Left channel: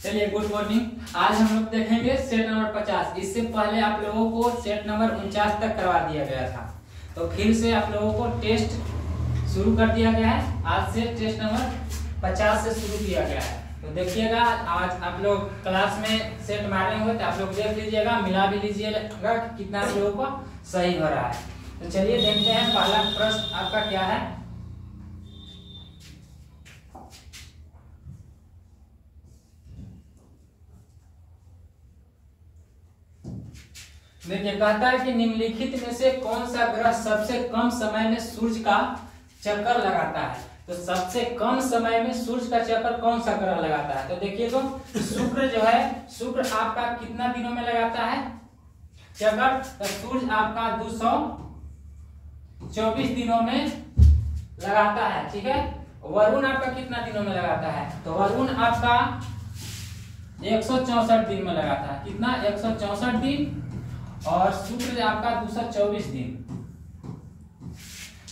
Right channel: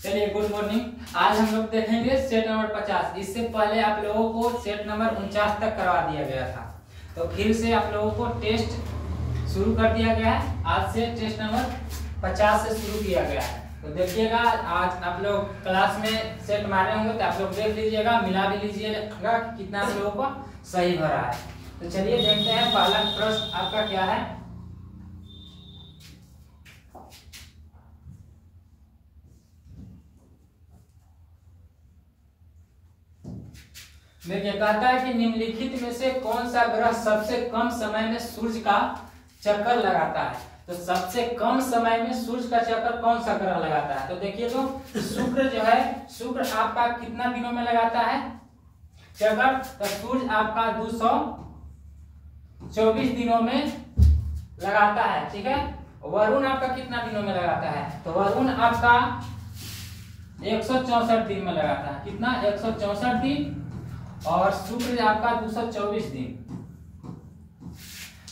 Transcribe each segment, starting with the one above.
चलिए good morning. आज हम लोग देखेंगे सेट नंबर 50। इससे पहले आप लोगों को सेट नंबर 49 तक करवा दिया गया था, तो फिर से आप लोगों को टेस्ट शुरू कर दिया गया है। आज से टेस्ट नंबर 50 से शुरू किया गया है। तो देखिएगा, आज आप लोग क्लास में सेट मारे होंगे तो आप लोग देख लीजिएगा, मिला भी लीजिएगा कितना आप लोगों को सही हो रहा है। तो चलिए देखते हैं पहला प्रश्न आपका क्या है। देखिए, कहता है कि निम्नलिखित में से कौन सा ग्रह सबसे कम समय में सूर्य का चक्कर लगाता है। तो सबसे कम समय में सूर्य का चक्कर कौन सा ग्रह लगाता है? तो देखिए, तो शुक्र जो है, शुक्र आपका कितना दिनों में लगाता है चक्कर? तो सूर्य आपका 224 दिनों में लगाता है, ठीक है। वरुण आपका कितना दिनों में लगाता है? तो वरुण आपका 164 दिन में लगाता है। कितना? 164 दिन। और शुक्र आपका 224 दिन।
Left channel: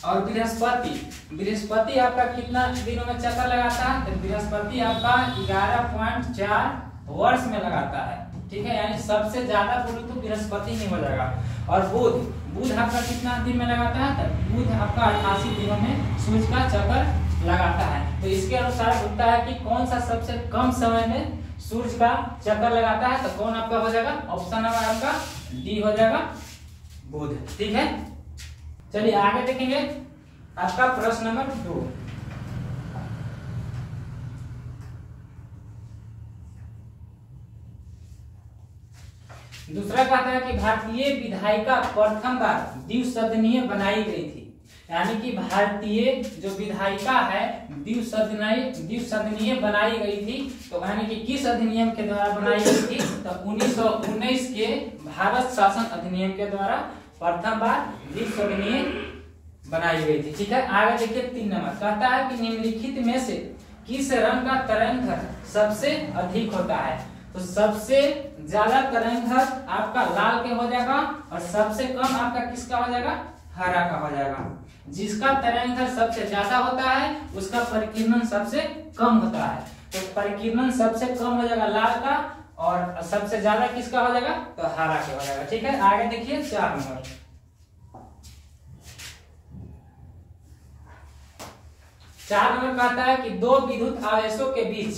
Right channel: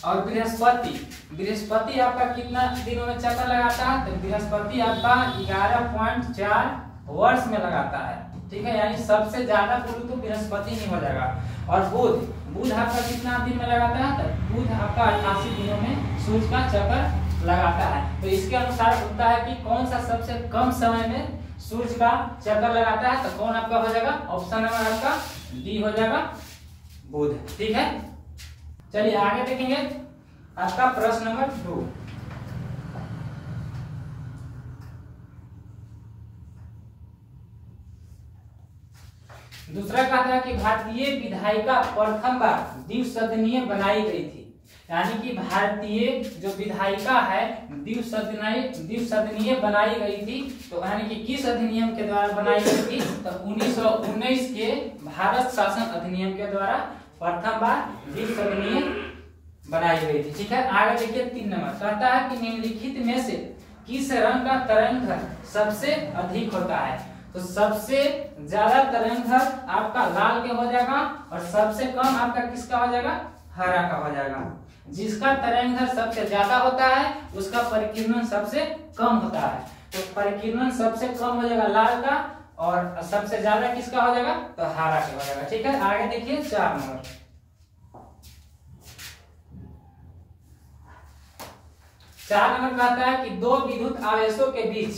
और बृहस्पति आपका कितना दिनों में चक्कर लगाता है? तो बृहस्पति आपका 11.4 वर्ष में लगाता है, ठीक है। यानी सबसे ज्यादा बोलूं तो बृहस्पति ही हो जाएगा। और बुध आपका कितना दिन में लगाता है? तो बुध आपका 88 दिनों में सूर्य का चक्कर लगाता है। तो इसके अनुसार होता है कि कौन सा सबसे कम समय में सूर्य का चक्कर लगाता है। तो कौन आपका हो जाएगा? ऑप्शन नंबर आपका डी हो जाएगा, बुध, ठीक है। चलिए आगे देखेंगे आपका प्रश्न नंबर 2। दूसरा कहता है कि भारतीय विधायिका प्रथम बार द्विसदनीय बनाई गई थी। यानी कि भारतीय जो विधायिका है द्विसदनीय बनाई गई थी। तो यानी कि किस अधिनियम के द्वारा बनाई गई थी? तो 1919 के भारत शासन अधिनियम के द्वारा प्रथम बार द्विसदनीय बनाई गई थी, ठीक है। आगे देखिए 3 नंबर कहता है कि निम्नलिखित में से किस रंग का तरंग सबसे अधिक होता है? तो सबसे ज्यादा तरंग आपका लाल के हो जाएगा और सबसे कम आपका किसका हो जाएगा? हरा का हो जाएगा। जिसका तरंग सबसे ज्यादा होता है उसका परिकीर्णन सबसे कम होता है। तो परिकीर्णन सबसे कम हो जाएगा लाल का और सबसे ज्यादा किसका हो जाएगा? तो हरा का हो जाएगा, ठीक है। आगे देखिए 4 नंबर। 4 नंबर कहता है कि दो विद्युत आवेशों के बीच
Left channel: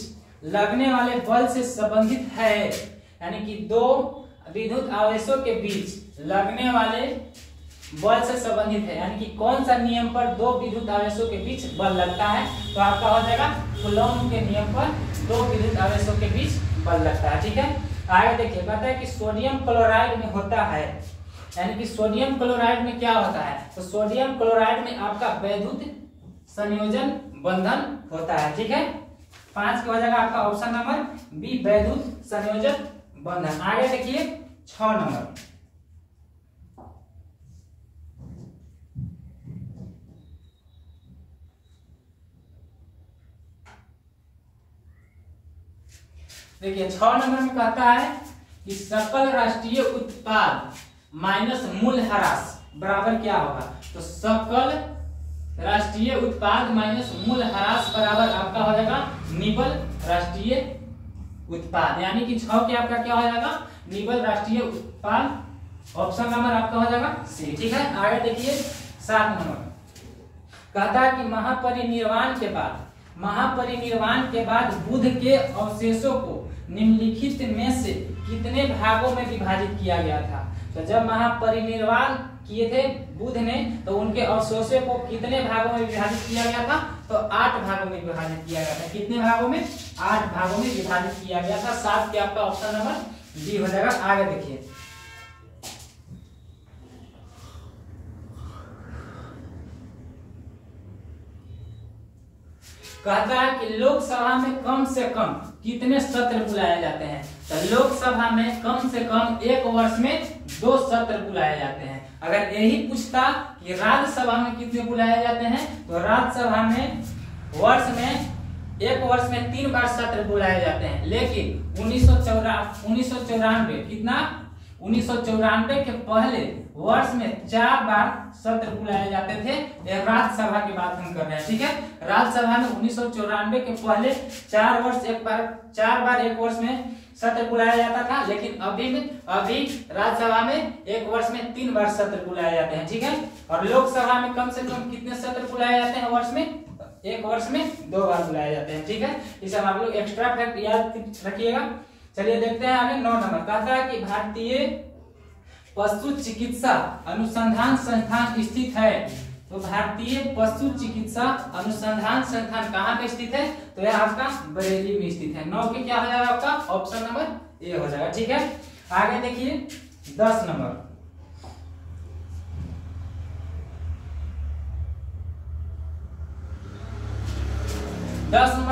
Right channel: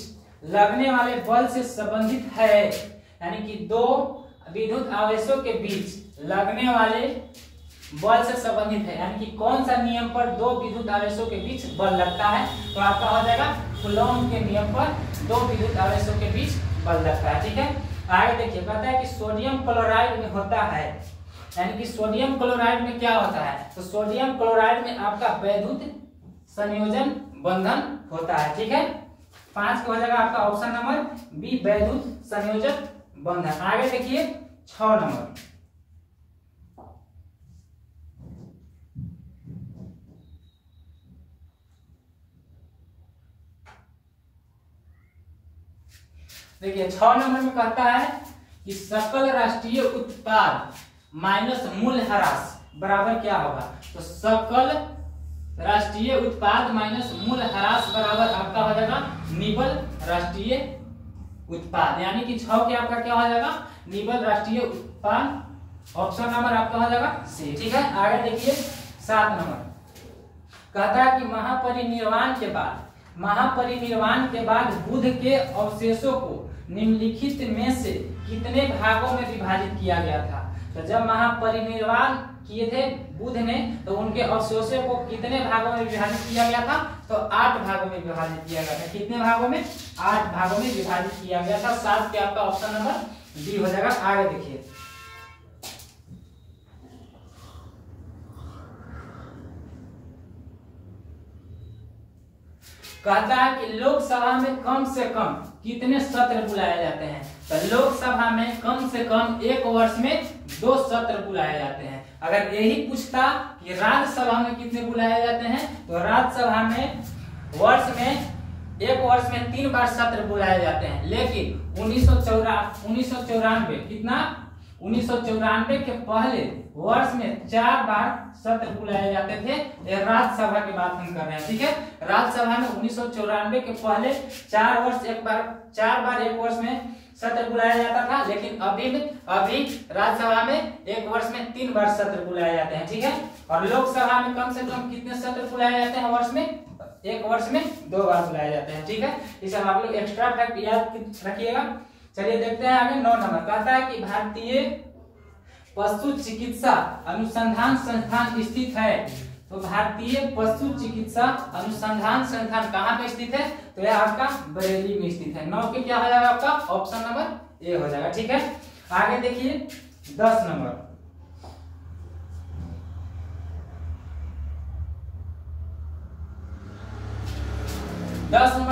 लगने वाले बल से संबंधित है। यानी कि दो विद्युत आवेशों के बीच लगने वाले बल से संबंधित है। यानी कि कौन सा नियम पर दो विद्युत आवेशों के बीच बल लगता है? तो आपका हो जाएगा कूलॉम के नियम पर दो विद्युत आवेशों के बीच बल लगता है, ठीक है। आगे देखिए, कहता है कि सोडियम क्लोराइड में होता है। यानी कि सोडियम क्लोराइड में क्या होता है? तो सोडियम क्लोराइड में आपका वैद्युत संयोजन बंधन होता है, ठीक है। 5 का हो जाएगा आपका ऑप्शन नंबर बी, वैद्युत संयोजन बंधन। आगे देखिए 6 नंबर। देखिए 6 नंबर में कहता है कि सकल राष्ट्रीय उत्पाद माइनस मूल्यह्रास बराबर क्या होगा? तो सकल राष्ट्रीय उत्पाद माइनस मूल्यह्रास बराबर आपका हो जाएगा निबल राष्ट्रीय उत्पाद। यानी कि 6 के आपका क्या हो जाएगा? निबल राष्ट्रीय उत्पाद। ऑप्शन नंबर आपका हो जाएगा सी, ठीक है। आगे देखिए 7 नंबर कहता है कि महापरिनिर्वाण के बाद बुध के अवशेषों को निम्नलिखित में से कितने भागों में विभाजित किया गया था? तो जब महापरिनिर्वाण किए थे बुध ने, तो उनके अवशेषों को कितने भागों में विभाजित किया गया था? तो 8 भागों में विभाजित किया गया था। कितने भागों में? 8 भागों में विभाजित किया गया था। 7 पे आपका ऑप्शन नंबर डी हो जाएगा। आगे देखिए कहता है कि लोकसभा में कम से कम कितने सत्र बुलाए जाते हैं? तो लोकसभा में कम से कम 1 वर्ष में 2 सत्र बुलाए जाते हैं। अगर यही पूछता कि राज्यसभा में कितने बुलाए जाते हैं, तो राज्यसभा में 1 वर्ष में 3 बार सत्र बुलाए जाते हैं। लेकिन 1994 कितना 1994 के पहले वर्ष में 4 बार सत्र बुलाए जाते थे। यह राज्यसभा की बात हम कर रहे हैं, ठीक है। राज्यसभा में 1994 के पहले 4 बार एक वर्ष में सत्र बुलाया जाता था, लेकिन अभी राज्यसभा में एक वर्ष में 3 बार सत्र बुलाए जाते हैं, ठीक है। और लोकसभा में कम से कम कितने सत्र बुलाए जाते हैं वर्ष में? एक वर्ष में 2 बार बुलाए जाते हैं, ठीक है। इसे आप लोग एक्स्ट्रा फैक्ट याद रखिएगा। चलिए देखते हैं आगे 9 नंबर। कहता है कि भारतीय पशु चिकित्सा अनुसंधान संस्थान स्थित है। तो भारतीय पशु चिकित्सा अनुसंधान संस्थान कहाँ पे स्थित है? तो यह आपका बरेली में स्थित है। 9 के क्या हो जाएगा आपका? ऑप्शन नंबर ए हो जाएगा, ठीक है। आगे देखिए 10 नंबर।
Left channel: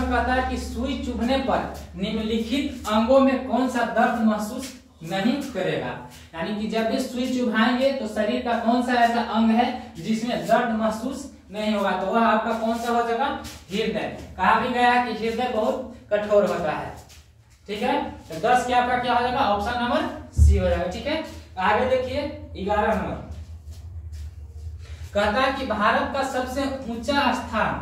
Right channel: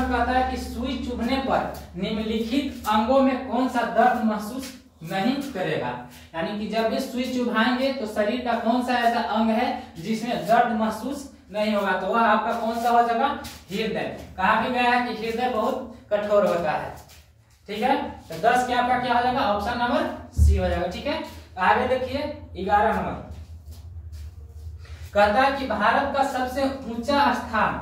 कहता है कि सुई चुभने पर निम्नलिखित अंगों में कौन सा दर्द महसूस नहीं करेगा। यानी कि जब भी सुई चुभाएंगे तो शरीर का कौन सा ऐसा अंग है जिसमें दर्द महसूस नहीं होगा? तो वह आपका कौन सा हो जाएगा? हृदय। कहा भी गया है कि हृदय बहुत कठोर होता है, ठीक है। तो 10 के आपका क्या हो जाएगा? ऑप्शन नंबर सी हो जाएगा, ठीक है। आगे देखिए 11 नंबर। कहता है कि भारत का सबसे ऊंचा स्थान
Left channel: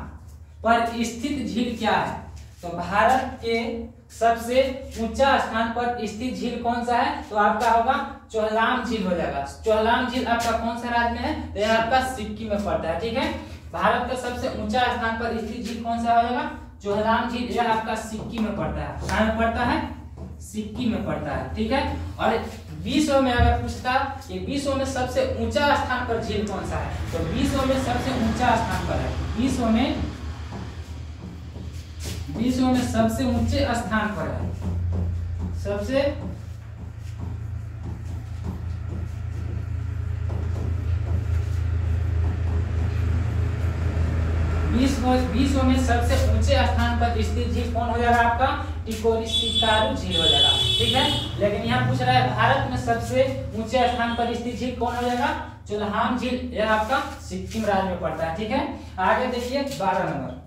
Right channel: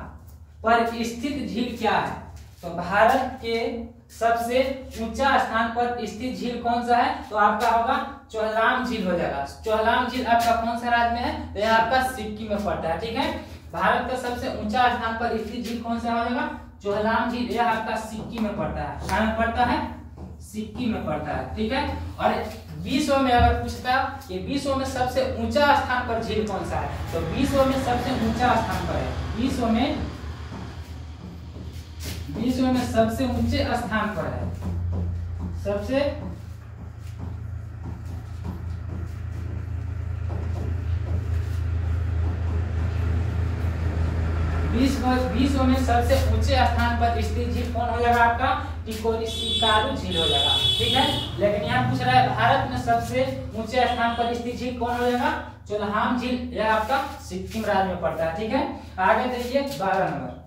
पर स्थित झील क्या है? तो भारत के सबसे ऊंचा स्थान पर स्थित झील कौन सा है? तो आपका होगा चोहलाम झील हो जाएगा। चोहलाम झील आपका कौन सा राज्य में है? तो यह आपका सिक्किम में पड़ता है, ठीक है। भारत का सबसे ऊंचा स्थान पर स्थित झील कौन सा हो जाएगा? चोहलाम झील। यह आपका सिक्किम में पड़ता है। कहाँ में पड़ता है? सिक्किम में पड़ता है, ठीक है। और विश्व में अगर पूछता कि विश्व में सबसे ऊंचा स्थान पर झील कौन सा है, तो विश्व में सबसे ऊंचा स्थान पर है, विश्व में सबसे ऊंचे स्थान पर है, सबसे विश्व में सबसे ऊंचे स्थान पर स्थित झील कौन हो जाएगा? आपका टिकोरिशिकारू झील हो जाएगा, ठीक है। लेकिन यहाँ पूछ रहा है भारत में सबसे ऊंचे स्थान पर स्थित झील कौन हो जाएगा? चोलहाम झील। यह आपका सिक्किम राज्य में पड़ता है, ठीक है। आगे देखिए 12 नंबर।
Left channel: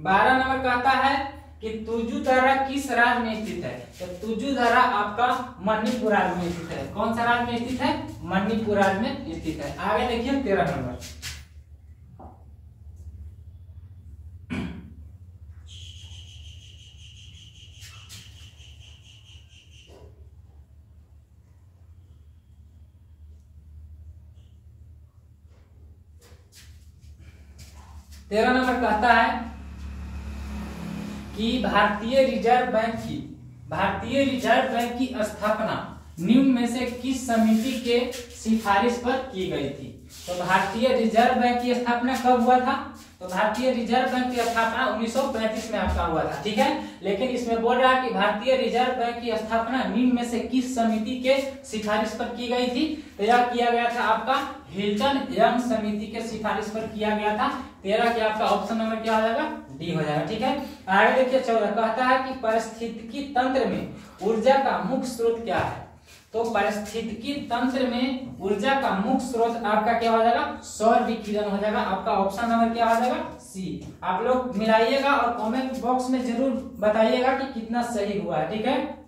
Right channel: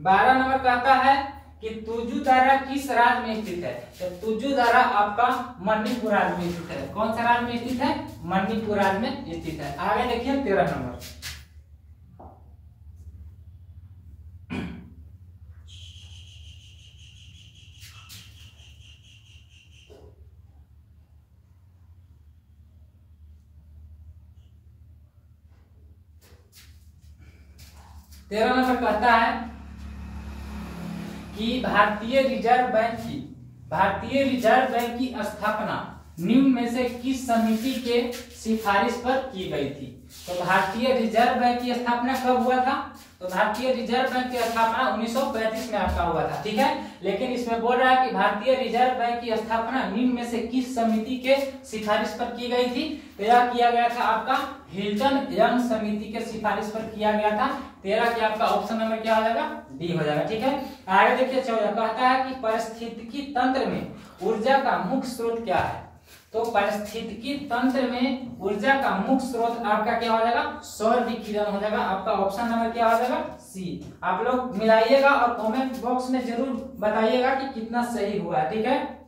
12 नंबर कहता है कि तुजुदारा किस राज्य में स्थित है? तो तुजुदारा आपका मणिपुर राज्य में स्थित है। कौन सा राज्य में स्थित है? मणिपुर राज्य में स्थित है। आगे देखिए 13 नंबर। तेरह नंबर कहता है कि भारतीय रिजर्व बैंक की स्थापना निम्न में से किस समिति के सिफारिश पर की गई थी? तो भारतीय रिजर्व बैंक की स्थापना कब हुआ था? तो भारतीय रिजर्व बैंक की स्थापना 1935 में आपका हुआ था, ठीक है। लेकिन इसमें बोल रहा है कि भारतीय रिजर्व बैंक की स्थापना निम्न में से किस समिति के सिफारिश पर की गई थी? तो यह किया गया था आपका हिल्टन यंग समिति के सिफारिश पर किया गया था। 13 के आपका ऑप्शन नंबर क्या हो जाएगा? डी हो जाएगा, ठीक है। आगे देखिए 14 कहता है कि पारिस्थितिकी तंत्र में ऊर्जा का मुख्य स्रोत क्या है? तो पारिस्थितिकी तंत्र में ऊर्जा का मुख्य स्रोत आपका क्या हो जाएगा? सौर विकिरण हो जाएगा। आपका ऑप्शन नंबर क्या हो जाएगा? सी। आप लोग मिलाइएगा और कमेंट बॉक्स में जरूर बताइएगा कि कितना सही हुआ है, ठीक है।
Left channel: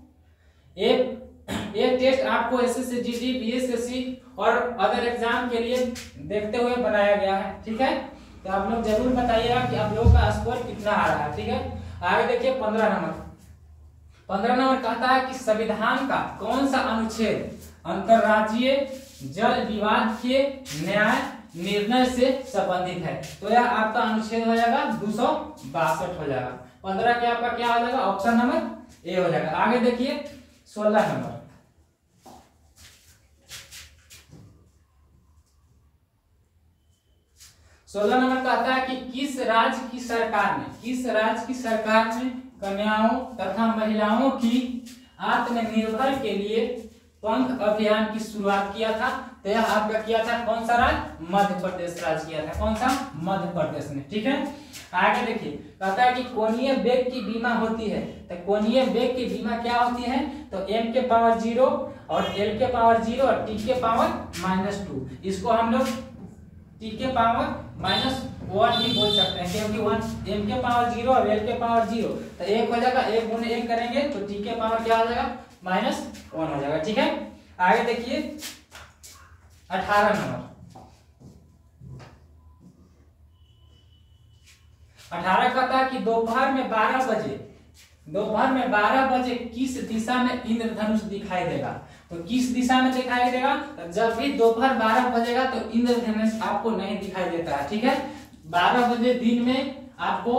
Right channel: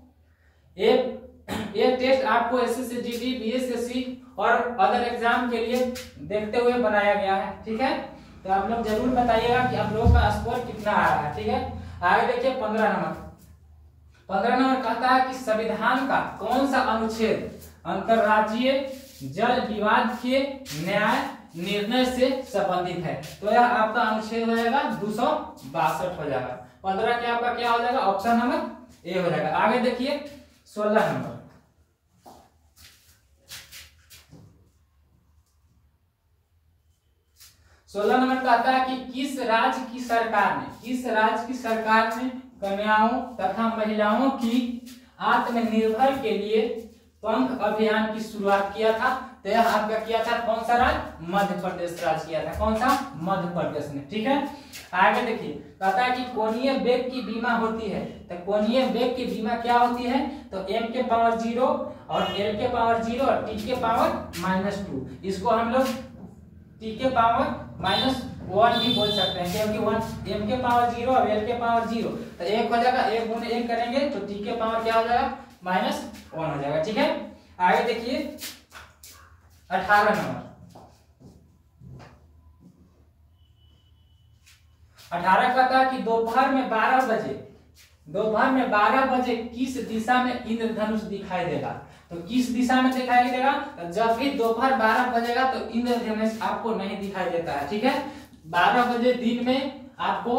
ये टेस्ट आपको एसएससी जीडी बीएसएससी और अदर एग्जाम के लिए देखते हुए बनाया गया है, ठीक है। तो आप लोग जरूर बताइएगा कि आप लोगों का स्कोर कितना आ रहा है, ठीक है। आगे देखिए 15 नंबर। 15 नंबर कहता है कि संविधान का कौन सा अनुच्छेद अंतरराज्यीय जल विवाद के न्याय निर्णय से संबंधित है? तो यह आपका अनुच्छेद हो जाएगा 262 हो जाएगा। 15 के आपका क्या हो जाएगा? ऑप्शन नंबर ए हो जाएगा। आगे देखिए 16 नंबर। 16 नंबर कहता है कि किस राज्य की सरकार ने कन्याओं तथा महिलाओं की आत्मनिर्भर के लिए पंख अभियान की शुरुआत किया था? तो यह आपका किया था कौन सा राज्य? मध्य प्रदेश राज्य किया था। कौन सा? मध्य प्रदेश में, ठीक है। आगे देखिए कहता है कि कोणीय वेग की बीमा होती है। तो कोणीय वेग की बीमा क्या होती है? तो m के पावर 0 और l के पावर 0 और t के पावर -2। इसको हम लोग t के पावर 1 भी बोल सकते हैं, क्योंकि 1 m के पावर 0 और l के पावर 0, तो 1 हो जाएगा, 1 गुणे 1 करेंगे तो t के पावर क्या हो जाएगा -1 हो जाएगा। ठीक है, आगे देखिए 18 नंबर। 18 कहता है कि दोपहर में 12 बजे किस दिशा में इंद्रधनुष दिखाई देगा। तो किस दिशा में दिखाई देगा, तो जब भी दोपहर 12 बजेगा तो इंद्रधनुष आपको नहीं दिखाई देता है। ठीक है, 12 बजे दिन में आपको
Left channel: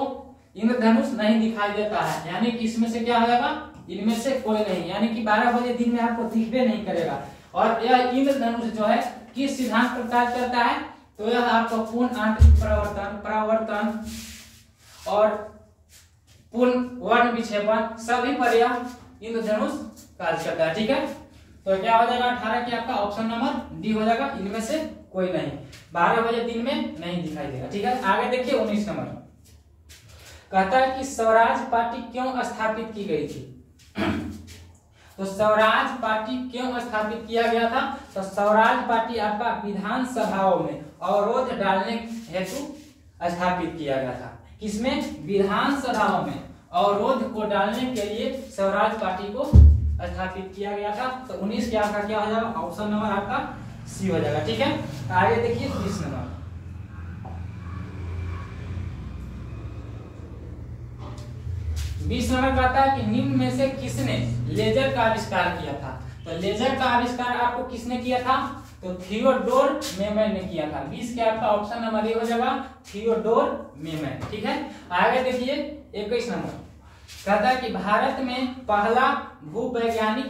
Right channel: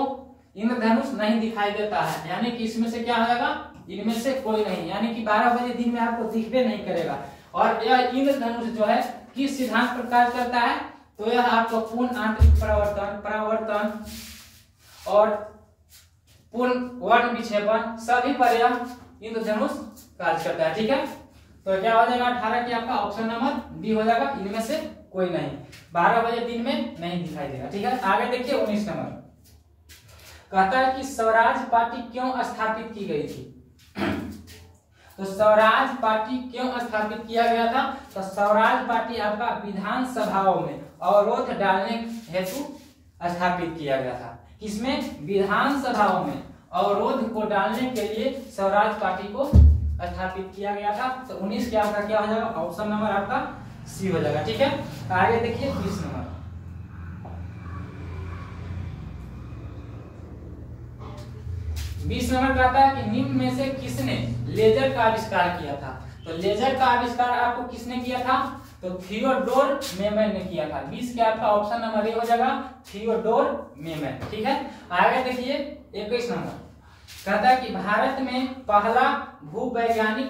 इंद्रधनुष नहीं दिखाई देता है, यानी कि इसमें से क्या हो जाएगा, इनमें से कोई नहीं, यानी कि 12 बजे दिन में आपको दिखबे नहीं करेगा। और यह इंद्रधनुष जो है किस सिद्धांत पर कार्य करता है, तो यह आपको पूर्ण आंतरिक परावर्तन और पूर्ण वर्ण विक्षेपण सभी पर यह इंद्रधनुष कार्य करता है। ठीक है, तो क्या हो जाएगा 18 की आपका ऑप्शन नंबर डी हो जाएगा, इनमें से कोई नहीं, 12 बजे दिन में नहीं दिखाई देगा। ठीक है, आगे देखिए 19 नंबर। कहता है कि स्वराज पार्टी क्यों स्थापित की गई थी। तो स्वराज पार्टी क्यों स्थापित किया गया था, तो स्वराज पार्टी आपका विधानसभाओं में अवरोध डालने हेतु स्थापित किया गया था। किसमें, विधानसभाओं में अवरोध को डालने के लिए स्वराज पार्टी को स्थापित किया गया था। तो 19 के आपका क्या हो जाएगा, ऑप्शन नंबर आपका सी हो जाएगा। ठीक है, आगे देखिए 20 नंबर। 20 नंबर कहता है कि निम्न में से किसने लेजर का आविष्कार किया था। तो लेजर का आविष्कार आपको किसने किया था, तो थियोडोर मेमन ने किया था। 20 के आपका ऑप्शन नंबर ए हो जाएगा, थियोडोर मेमन। ठीक है, आगे देखिए 21 नंबर। कहता है कि भारत में पहला भूवैज्ञानिक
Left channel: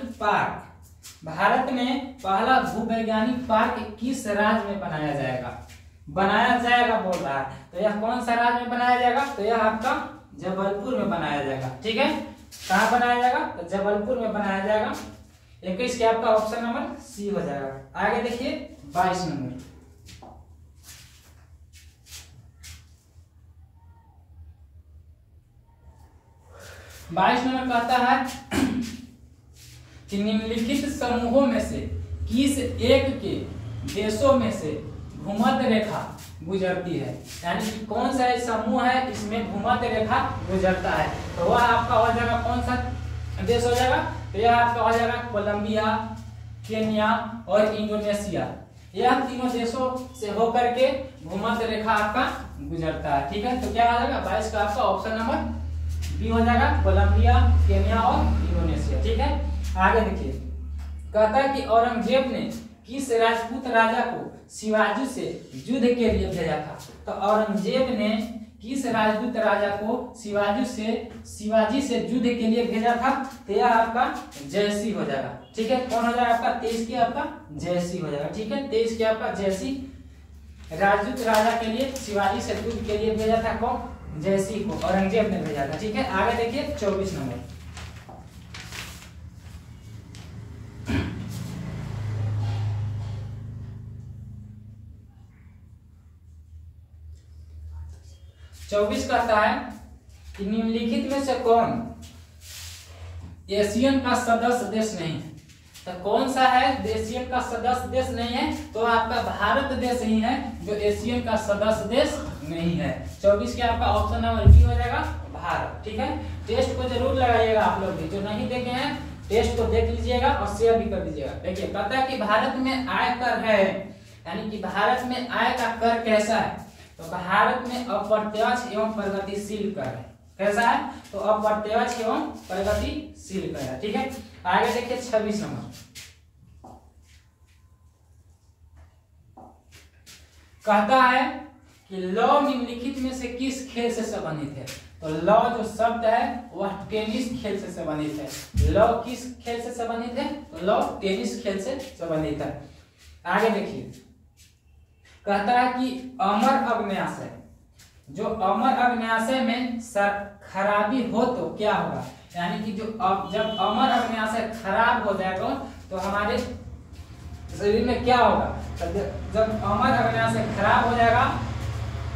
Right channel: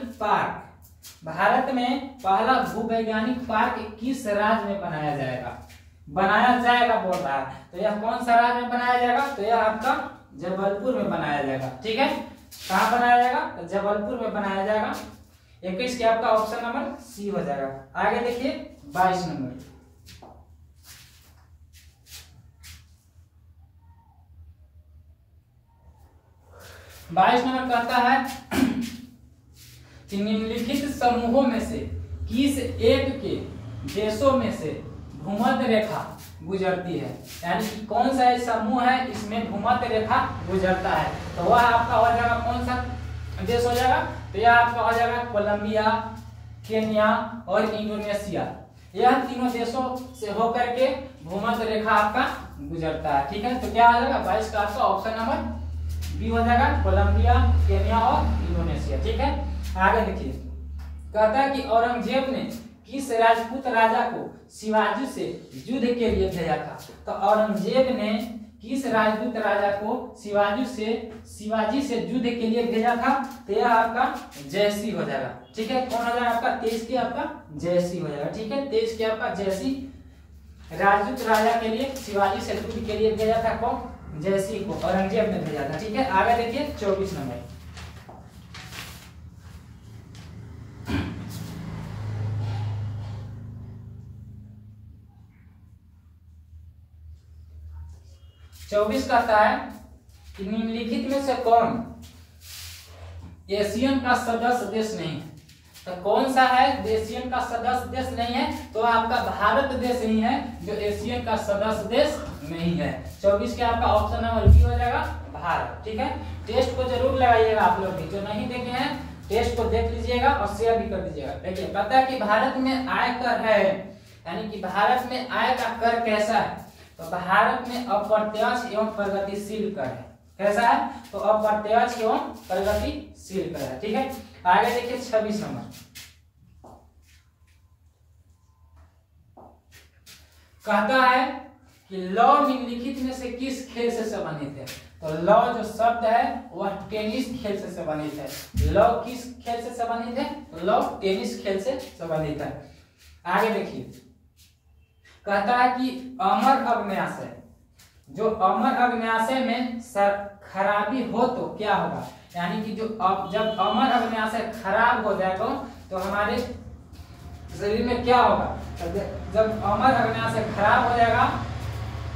पार्क किस राज्य में बनाया जाएगा बोल रहा है। तो यह कौन सा राज्य में बनाया जाएगा, तो यह आपका जबलपुर में बनाया जाएगा। ठीक है, कहाँ बनाया जाएगा, तो जबलपुर में बनाया जाएगा। 21 के आपका ऑप्शन नंबर सी हो जाएगा। आगे देखिए 22 नंबर। 22 नंबर कहता है कि निम्नलिखित समूहों में से किस एक के देशों में से भूमध्य रेखा गुजरती है, यानी कि कौन सा समूह है इसमें भूमध्य रेखा गुजरता है। तो वह आपका हो जाएगा कौन सा देश हो जाएगा, तो यह आपका हो जाएगा कोलंबिया, केन्या और इंडोनेशिया। यह तीनों देशों से होकर के भूमध्य रेखा आपका गुजरता है। ठीक है, तो क्या हो जाएगा 22 का आपका ऑप्शन नंबर बी हो जाएगा, कोलंबिया, केन्या और इंडोनेशिया। ठीक है, आगे देखिए कहता है कि औरंगजेब ने किस राजपूत राजा को शिवाजी से युद्ध के लिए भेजा था। तो औरंगजेब ने किस राजपूत राजा को शिवाजी से युद्ध के लिए भेजा था, तो यह आपका जयसी हो जाएगा। ठीक है, कौन हो जाएगा आपका 23 के आपका जयसी हो जाएगा। ठीक है, 23 के आपका जयसी राजपूत राजा के लिए शिवाजी से युद्ध के लिए भेजा था, कौन, जयसी को औरंगजेब ने भेजा था। ठीक है, आगे देखिए 24 नंबर। चौबीस कहता है कि निम्नलिखित में से कौन एशियन का सदस्य देश नहीं है। तो कौन सा है एशियन का सदस्य देश नहीं है, तो आपका भारत देश ही है जो एशियन का सदस्य देश नहीं है। 24 के आपका ऑप्शन नंबर बी हो जाएगा, भारत। ठीक है, टेस्ट को जरूर लगाइएगा आप लोग भी, जो नहीं देखे हैं टेस्ट को देख लीजिएगा और शेयर भी कर दीजिएगा। देखिए कहता है कि भारत में आय कर है, यानी कि भारत में आय का कर कैसा है, तो भारत में अप्रत्यक्ष एवं प्रगतिशील कर है। कैसा है, तो अप्रत्यक्ष एवं प्रगतिशील कर है। ठीक है, आगे देखिए 26 नंबर। कहता है कि लौ निम्नलिखित में से किस खेल से संबंधित है। तो लौ जो शब्द है वह टेनिस खेल से संबंधित है। लौ किस खेल से संबंधित है, तो लौ टेनिस खेल से संबंधित है। आगे देखिए कहता है कि अमर अग्न्याशय, जो अमर अग्न्याशय में खराबी हो तो क्या होगा, यानी कि जो जब अमर अग्न्याशय खराब हो जाएगा तो हमारे शरीर में क्या होगा। जब अमर अग्न्याशय खराब हो जाएगा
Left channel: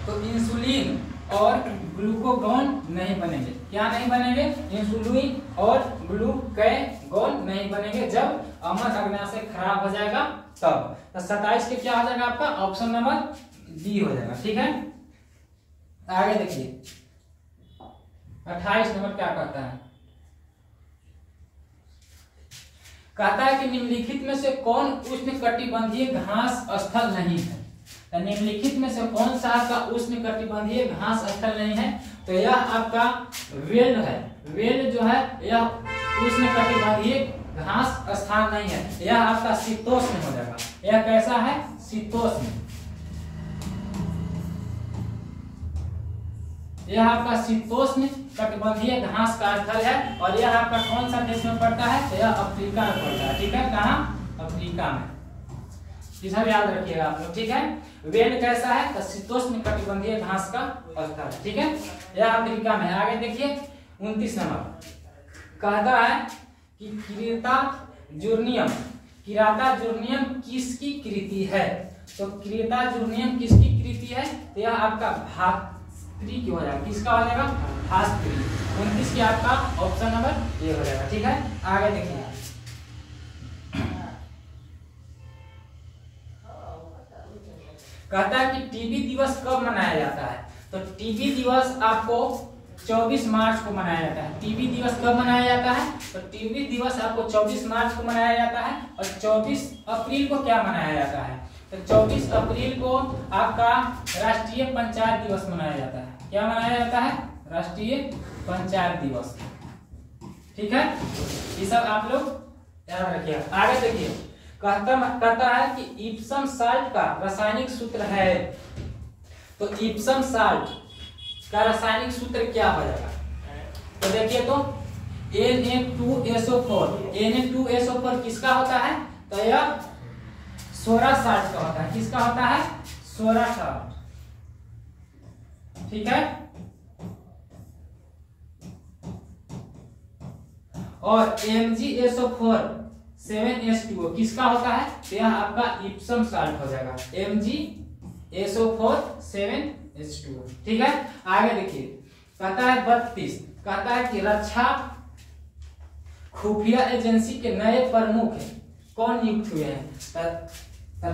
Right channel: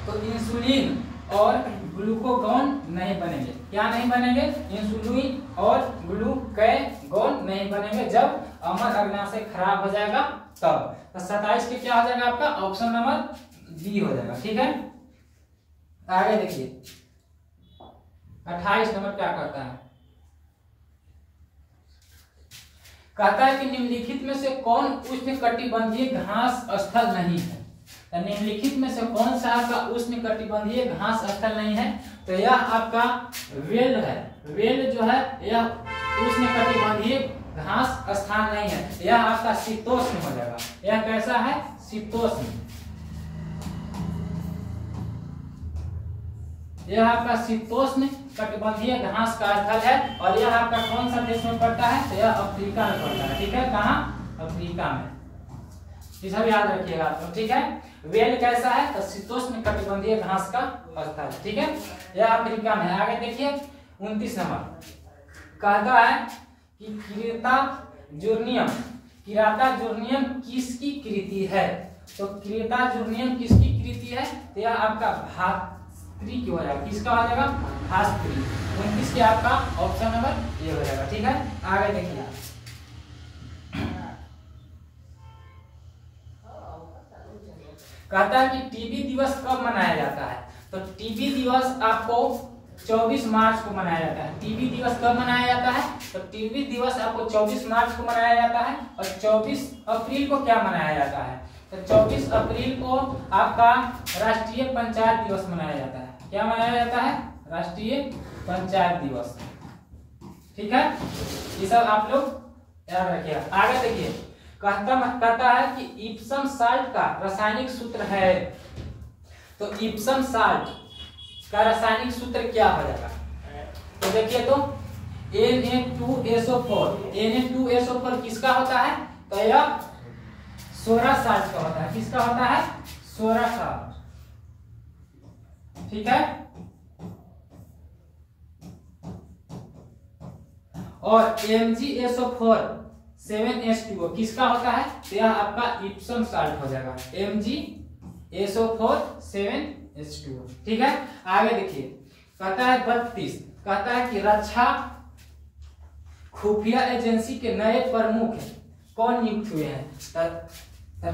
तो इंसुलिन और ग्लूकोगोन नहीं बनेंगे। क्या नहीं बनेंगे, इंसुलिन और ग्लूकोगोन नहीं बनेंगे जब अमर अग्न्याशय खराब हो जाएगा तब। तो 27 के क्या हो जाएगा आपका ऑप्शन नंबर बी हो जाएगा। ठीक है, आगे देखिए 28 नंबर क्या कहता है, कहता है कि निम्नलिखित में से कौन उष्णकटिबंधीय घास स्थल नहीं है। तो निम्नलिखित में से कौन सा आपका उष्णकटिबंधीय घास स्थल नहीं है, तो यह आपका वेल है। वेल जो है यह उष्णकटिबंधीय घास स्थान नहीं है, यह आपका शीतोष्ण हो जाएगा। यह कैसा है, शीतोष्ण। यह आपका शीतोष्ण कटिबंधीय घास का स्थल है और यह आपका कौन सा देश में पड़ता है, तो यह अफ्रीका में पड़ता है। ठीक है, कहाँ, अफ्रीका में। ये सब याद रखिएगा आप लोग। ठीक है, वेल कैसा है, तो शीतोष्ण कटिबंधीय घास का स्थल है। ठीक है, यह अफ्रीका में। आगे देखिए 29 नंबर कहता है कि किराता जूर्नियम किसकी कृति है। तो किराता जूर्नियम किसकी कृति है, तो यह आपका भास्त्री की हो जाएगा। किसका हो जाएगा, भास्त्री। 29 की आपका ऑप्शन नंबर ये हो जाएगा। ठीक है, आगे देखिए कहता है कि टीबी दिवस कब मनाया जाता है। तो टीबी दिवस आपको 24 मार्च को मनाया जाता है। टीबी दिवस कब मनाया जाता है, तो टीबी दिवस आपको 24 मार्च को मनाया जाता है। और 24 अप्रैल को क्या मनाया जाता है, तो 24 अप्रैल को आपका राष्ट्रीय पंचायत दिवस मनाया जाता है। क्या मनाया जाता है, राष्ट्रीय पंचायत दिवस। ठीक है, ये सब आप लोग याद रखिएगा। आगे देखिए कहता है कि इप्सम साल्ट का रासायनिक सूत्र है। तो इप्सम साल्ट का रासायनिक सूत्र क्या हो जाएगा, तो देखिए तो Na2SO4। Na2SO4 किसका होता है, तो यह सोरा साल्ट का होता है। किसका होता है, सोरा साल्ट। ठीक है, और MgSO4 7H2O किसका होता है, तो यह आपका इप्सम साल्ट हो जाएगा। MgSO4 7H2O। ठीक है, आगे देखिए कहता है 32, कहता है कि रक्षा खुफिया एजेंसी के नए प्रमुख कौन नियुक्त हुए हैं।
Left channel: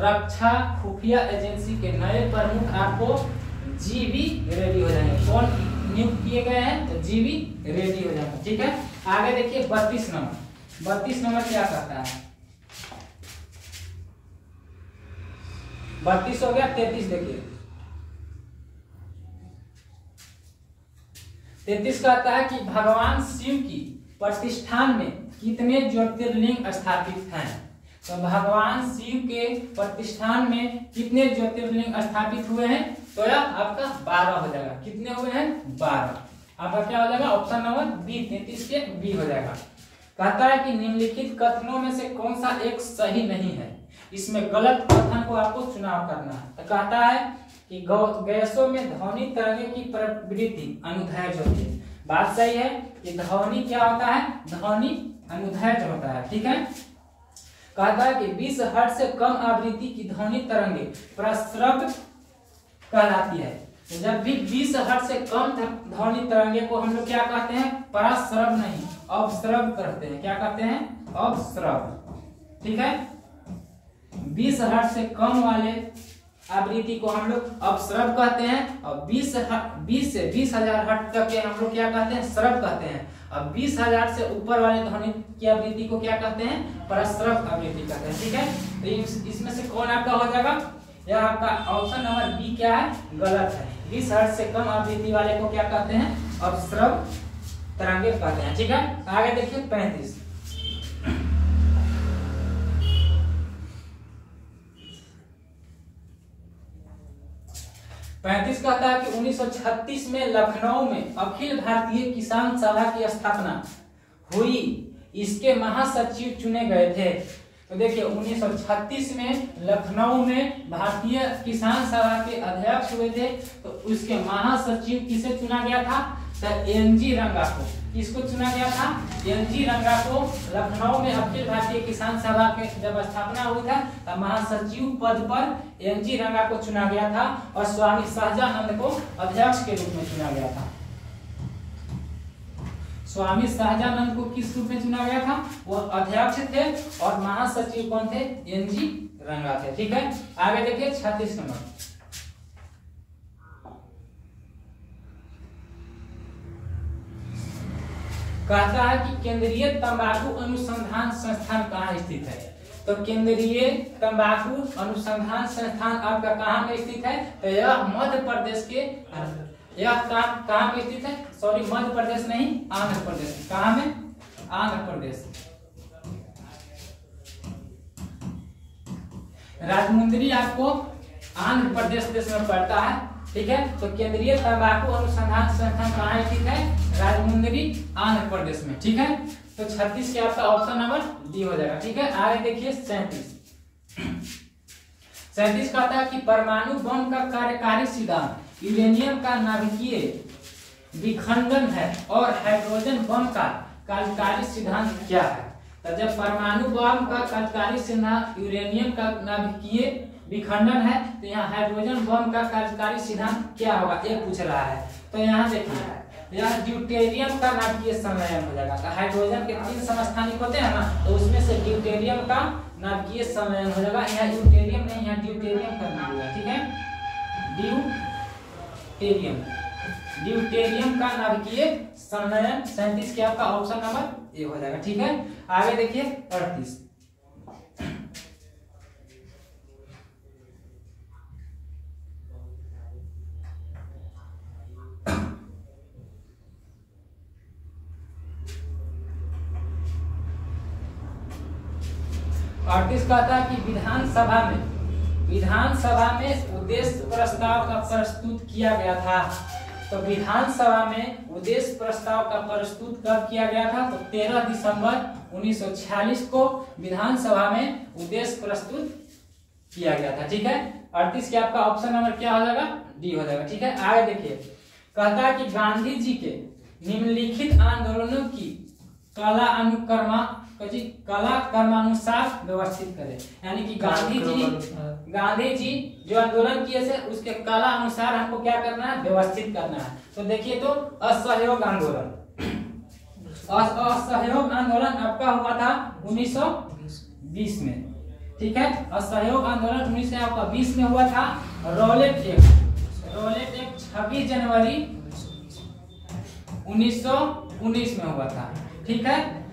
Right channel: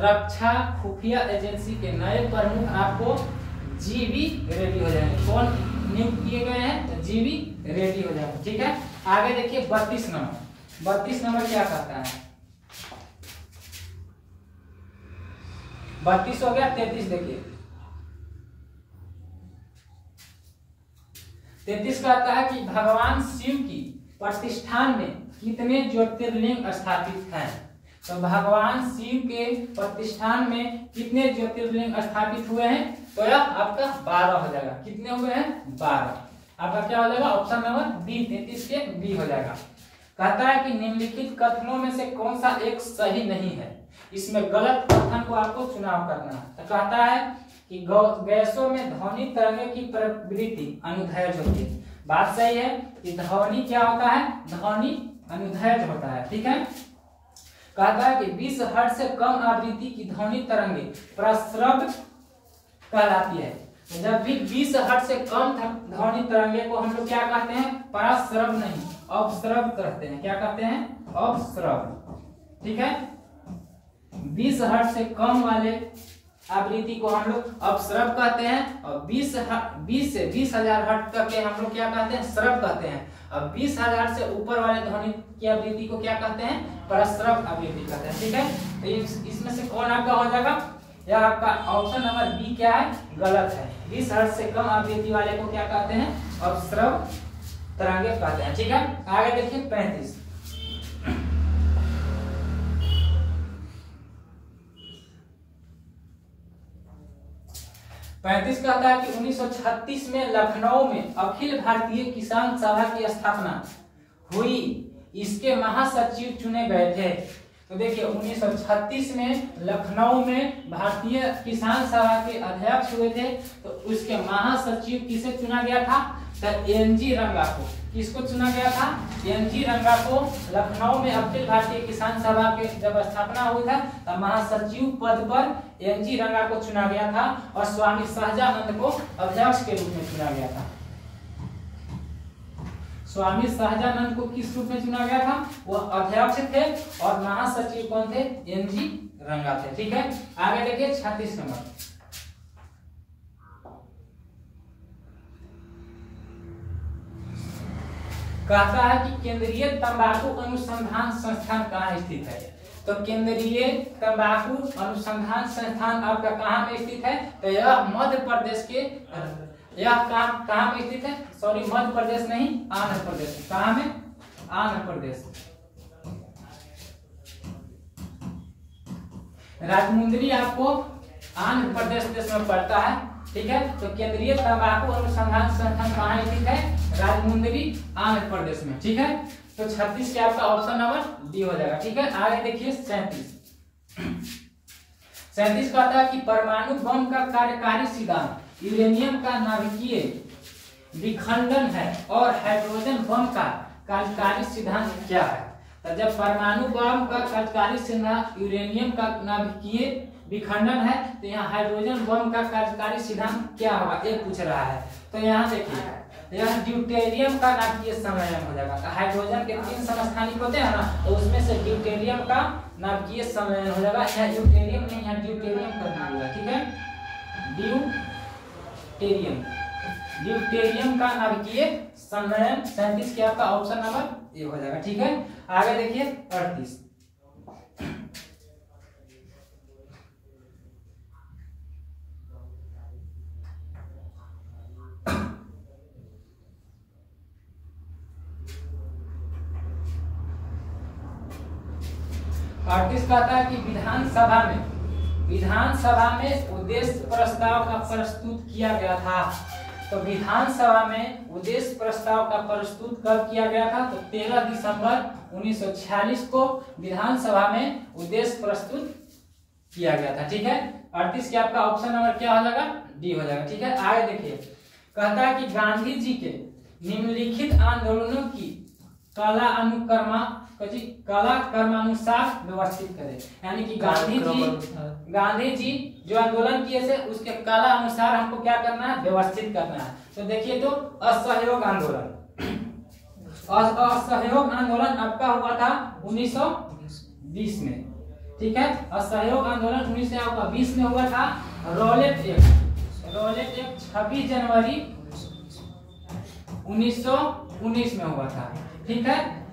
रक्षा खुफिया एजेंसी के नए प्रमुख आपको जीवी रेड्डी हो जाएंगे। कौन नियुक्त किए गए हैं, तो जीवी रेड्डी हो जाएंगे। ठीक है, आगे देखिए 32 नंबर। 32 नंबर क्या कहता है, 32 हो गया। 33 देखिए 33 कहता है कि भगवान शिव की प्रतिष्ठान में कितने ज्योतिर्लिंग स्थापित हैं। तो भगवान शिव के प्रतिष्ठान में कितने ज्योतिर्लिंग स्थापित हुए हैं, तो यह आपका 12 हो जाएगा। कितने हुए हैं, 12। आपका क्या हो जाएगा, ऑप्शन नंबर बी, 33 के बी हो जाएगा। कहता है कि निम्नलिखित कथनों में से कौन सा एक सही नहीं है, इसमें गलत कथन को आपको चुनाव करना है। तो कहता है कि गैसों में ध्वनि तरंगे की प्रवृत्ति अनुदैर्घ्य होती है। बात सही है कि ध्वनि क्या होता है, ध्वनि अनुदैर्घ्य होता है। ठीक है, कहता है कि 20 हर्ट्ज से कम आवृत्ति की ध्वनि तरंगे प्रस्रव कहलाती है। तो जब भी 20 हर्ट्ज से कम ध्वनि तरंगे को हम लोग क्या कहते हैं, प्रस्रव नहीं अवस्रव कहते हैं। क्या कहते हैं, अवस्रव। ठीक है, 20 हर्ट्ज से कम वाले आवृत्ति को हम लोग अपस्रव कहते हैं और 20 से 20,000 हर्ट्ज तक के हम लोग क्या कहते हैं, स्रव कहते हैं। अब 20,000 से ऊपर वाले ध्वनि की आवृत्ति को क्या कहते हैं, प्रस्रव आवृत्ति कहते हैं। ठीक है, तो इसमें से कौन आपका हो जाएगा, यह आपका ऑप्शन नंबर बी क्या है, गलत है। 20 हर्ट्ज से कम आवृत्ति वाले को क्या कहते हैं, अपस्रव तरंगे कहते हैं। ठीक है, आगे देखिए 35। कहता है कि 1936 में लखनऊ में अखिल भारतीय किसान सभा की स्थापना हुई, इसके महासचिव चुने गए थे। तो देखिए 1936 में लखनऊ में भारतीय किसान सभा के अध्यक्ष हुए थे, तो उसके महासचिव किसे चुना गया था, तो एनजी रंगा को। किसको चुना गया था, एनजी रंगा को। लखनऊ में अखिल भारतीय किसान सभा के जब स्थापना हुई था तब महासचिव पद पर एनजी रंगा को चुना गया था और स्वामी सहजानंद को अध्यक्ष के रूप में चुना गया था। स्वामी सहजानंद को किस रूप में चुना गया था, वो अध्यक्ष थे और महासचिव कौन थे, एनजी रंगा थे। ठीक है, आगे देखिए 36 नंबर। कहता है कि केंद्रीय तंबाकू अनुसंधान संस्थान कहाँ स्थित है। तो केंद्रीय तंबाकू अनुसंधान संस्थान आपका कहाँ में स्थित है। तो यह मध्य प्रदेश के, यह कहाँ में स्थित है, सॉरी मध्य प्रदेश नहीं, आंध्र प्रदेश। कहाँ में, आंध्र प्रदेश। राजमुंदरी आपको आंध्र प्रदेश देश में पड़ता है, ठीक है। तो केंद्रीय तंबाकू अनुसंधान संस्थान कहाँ स्थित है, राजमुंदरी आंध्र प्रदेश में, ठीक है। तो 36 के आपका ऑप्शन नंबर डी हो जाएगा, ठीक है। आगे देखिए 37 कहता है कि परमाणु बम का कार्यकारी सिद्धांत यूरेनियम का नाभिकीय विखंडन है और हाइड्रोजन बम का कार्यकारी सिद्धांत क्या है। तो जब परमाणु बम का कार्यकारी सिद्धांत यूरेनियम का नाभिकीय विखंडन है, तो यहाँ हाइड्रोजन बम का कार्यकारी सिद्धांत क्या होगा, ये पूछ रहा है। तो यहाँ देखिए यह ड्यूटेरियम का नाभिकीय संलयन हो जाएगा। तो हाइड्रोजन के 3 समस्थानिक होते हैं ना, तो उसमें से ड्यूटेरियम का नाभिकीय संलयन हो जाएगा। यहाँ ड्यूटेरियम नहीं, यहाँ ड्यूटेरियम कर दीजिएगा, ठीक है। ड्यूटेरियम का नाभिकीय संलयन 37 के आपका ऑप्शन नंबर ए हो जाएगा, ठीक है। आगे देखिए 38 कहता है कि विधानसभा में उद्देश्य प्रस्ताव का प्रस्तुत किया गया था। तो विधानसभा में उद्देश्य प्रस्ताव का प्रस्तुत कब किया गया था। तो 13 दिसंबर 1946 को विधानसभा में उद्देश्य प्रस्तुत किया गया था, ठीक है। 38 के आपका ऑप्शन नंबर क्या हो जाएगा, डी हो जाएगा, ठीक है। आगे देखिए कहता है कि गांधी जी के निम्नलिखित आंदोलनों की कला क्रमानुसार व्यवस्थित करें। यानी कि गांधी जी जो आंदोलन किए थे उसके कला अनुसार हमको क्या करना है, व्यवस्थित करना है। तो देखिए तो असहयोग आंदोलन आपका हुआ था 1920 में, ठीक है। असहयोग आंदोलन 1920 में हुआ था। रॉलेट एक्ट 26 जनवरी 1919 में हुआ था, ठीक है।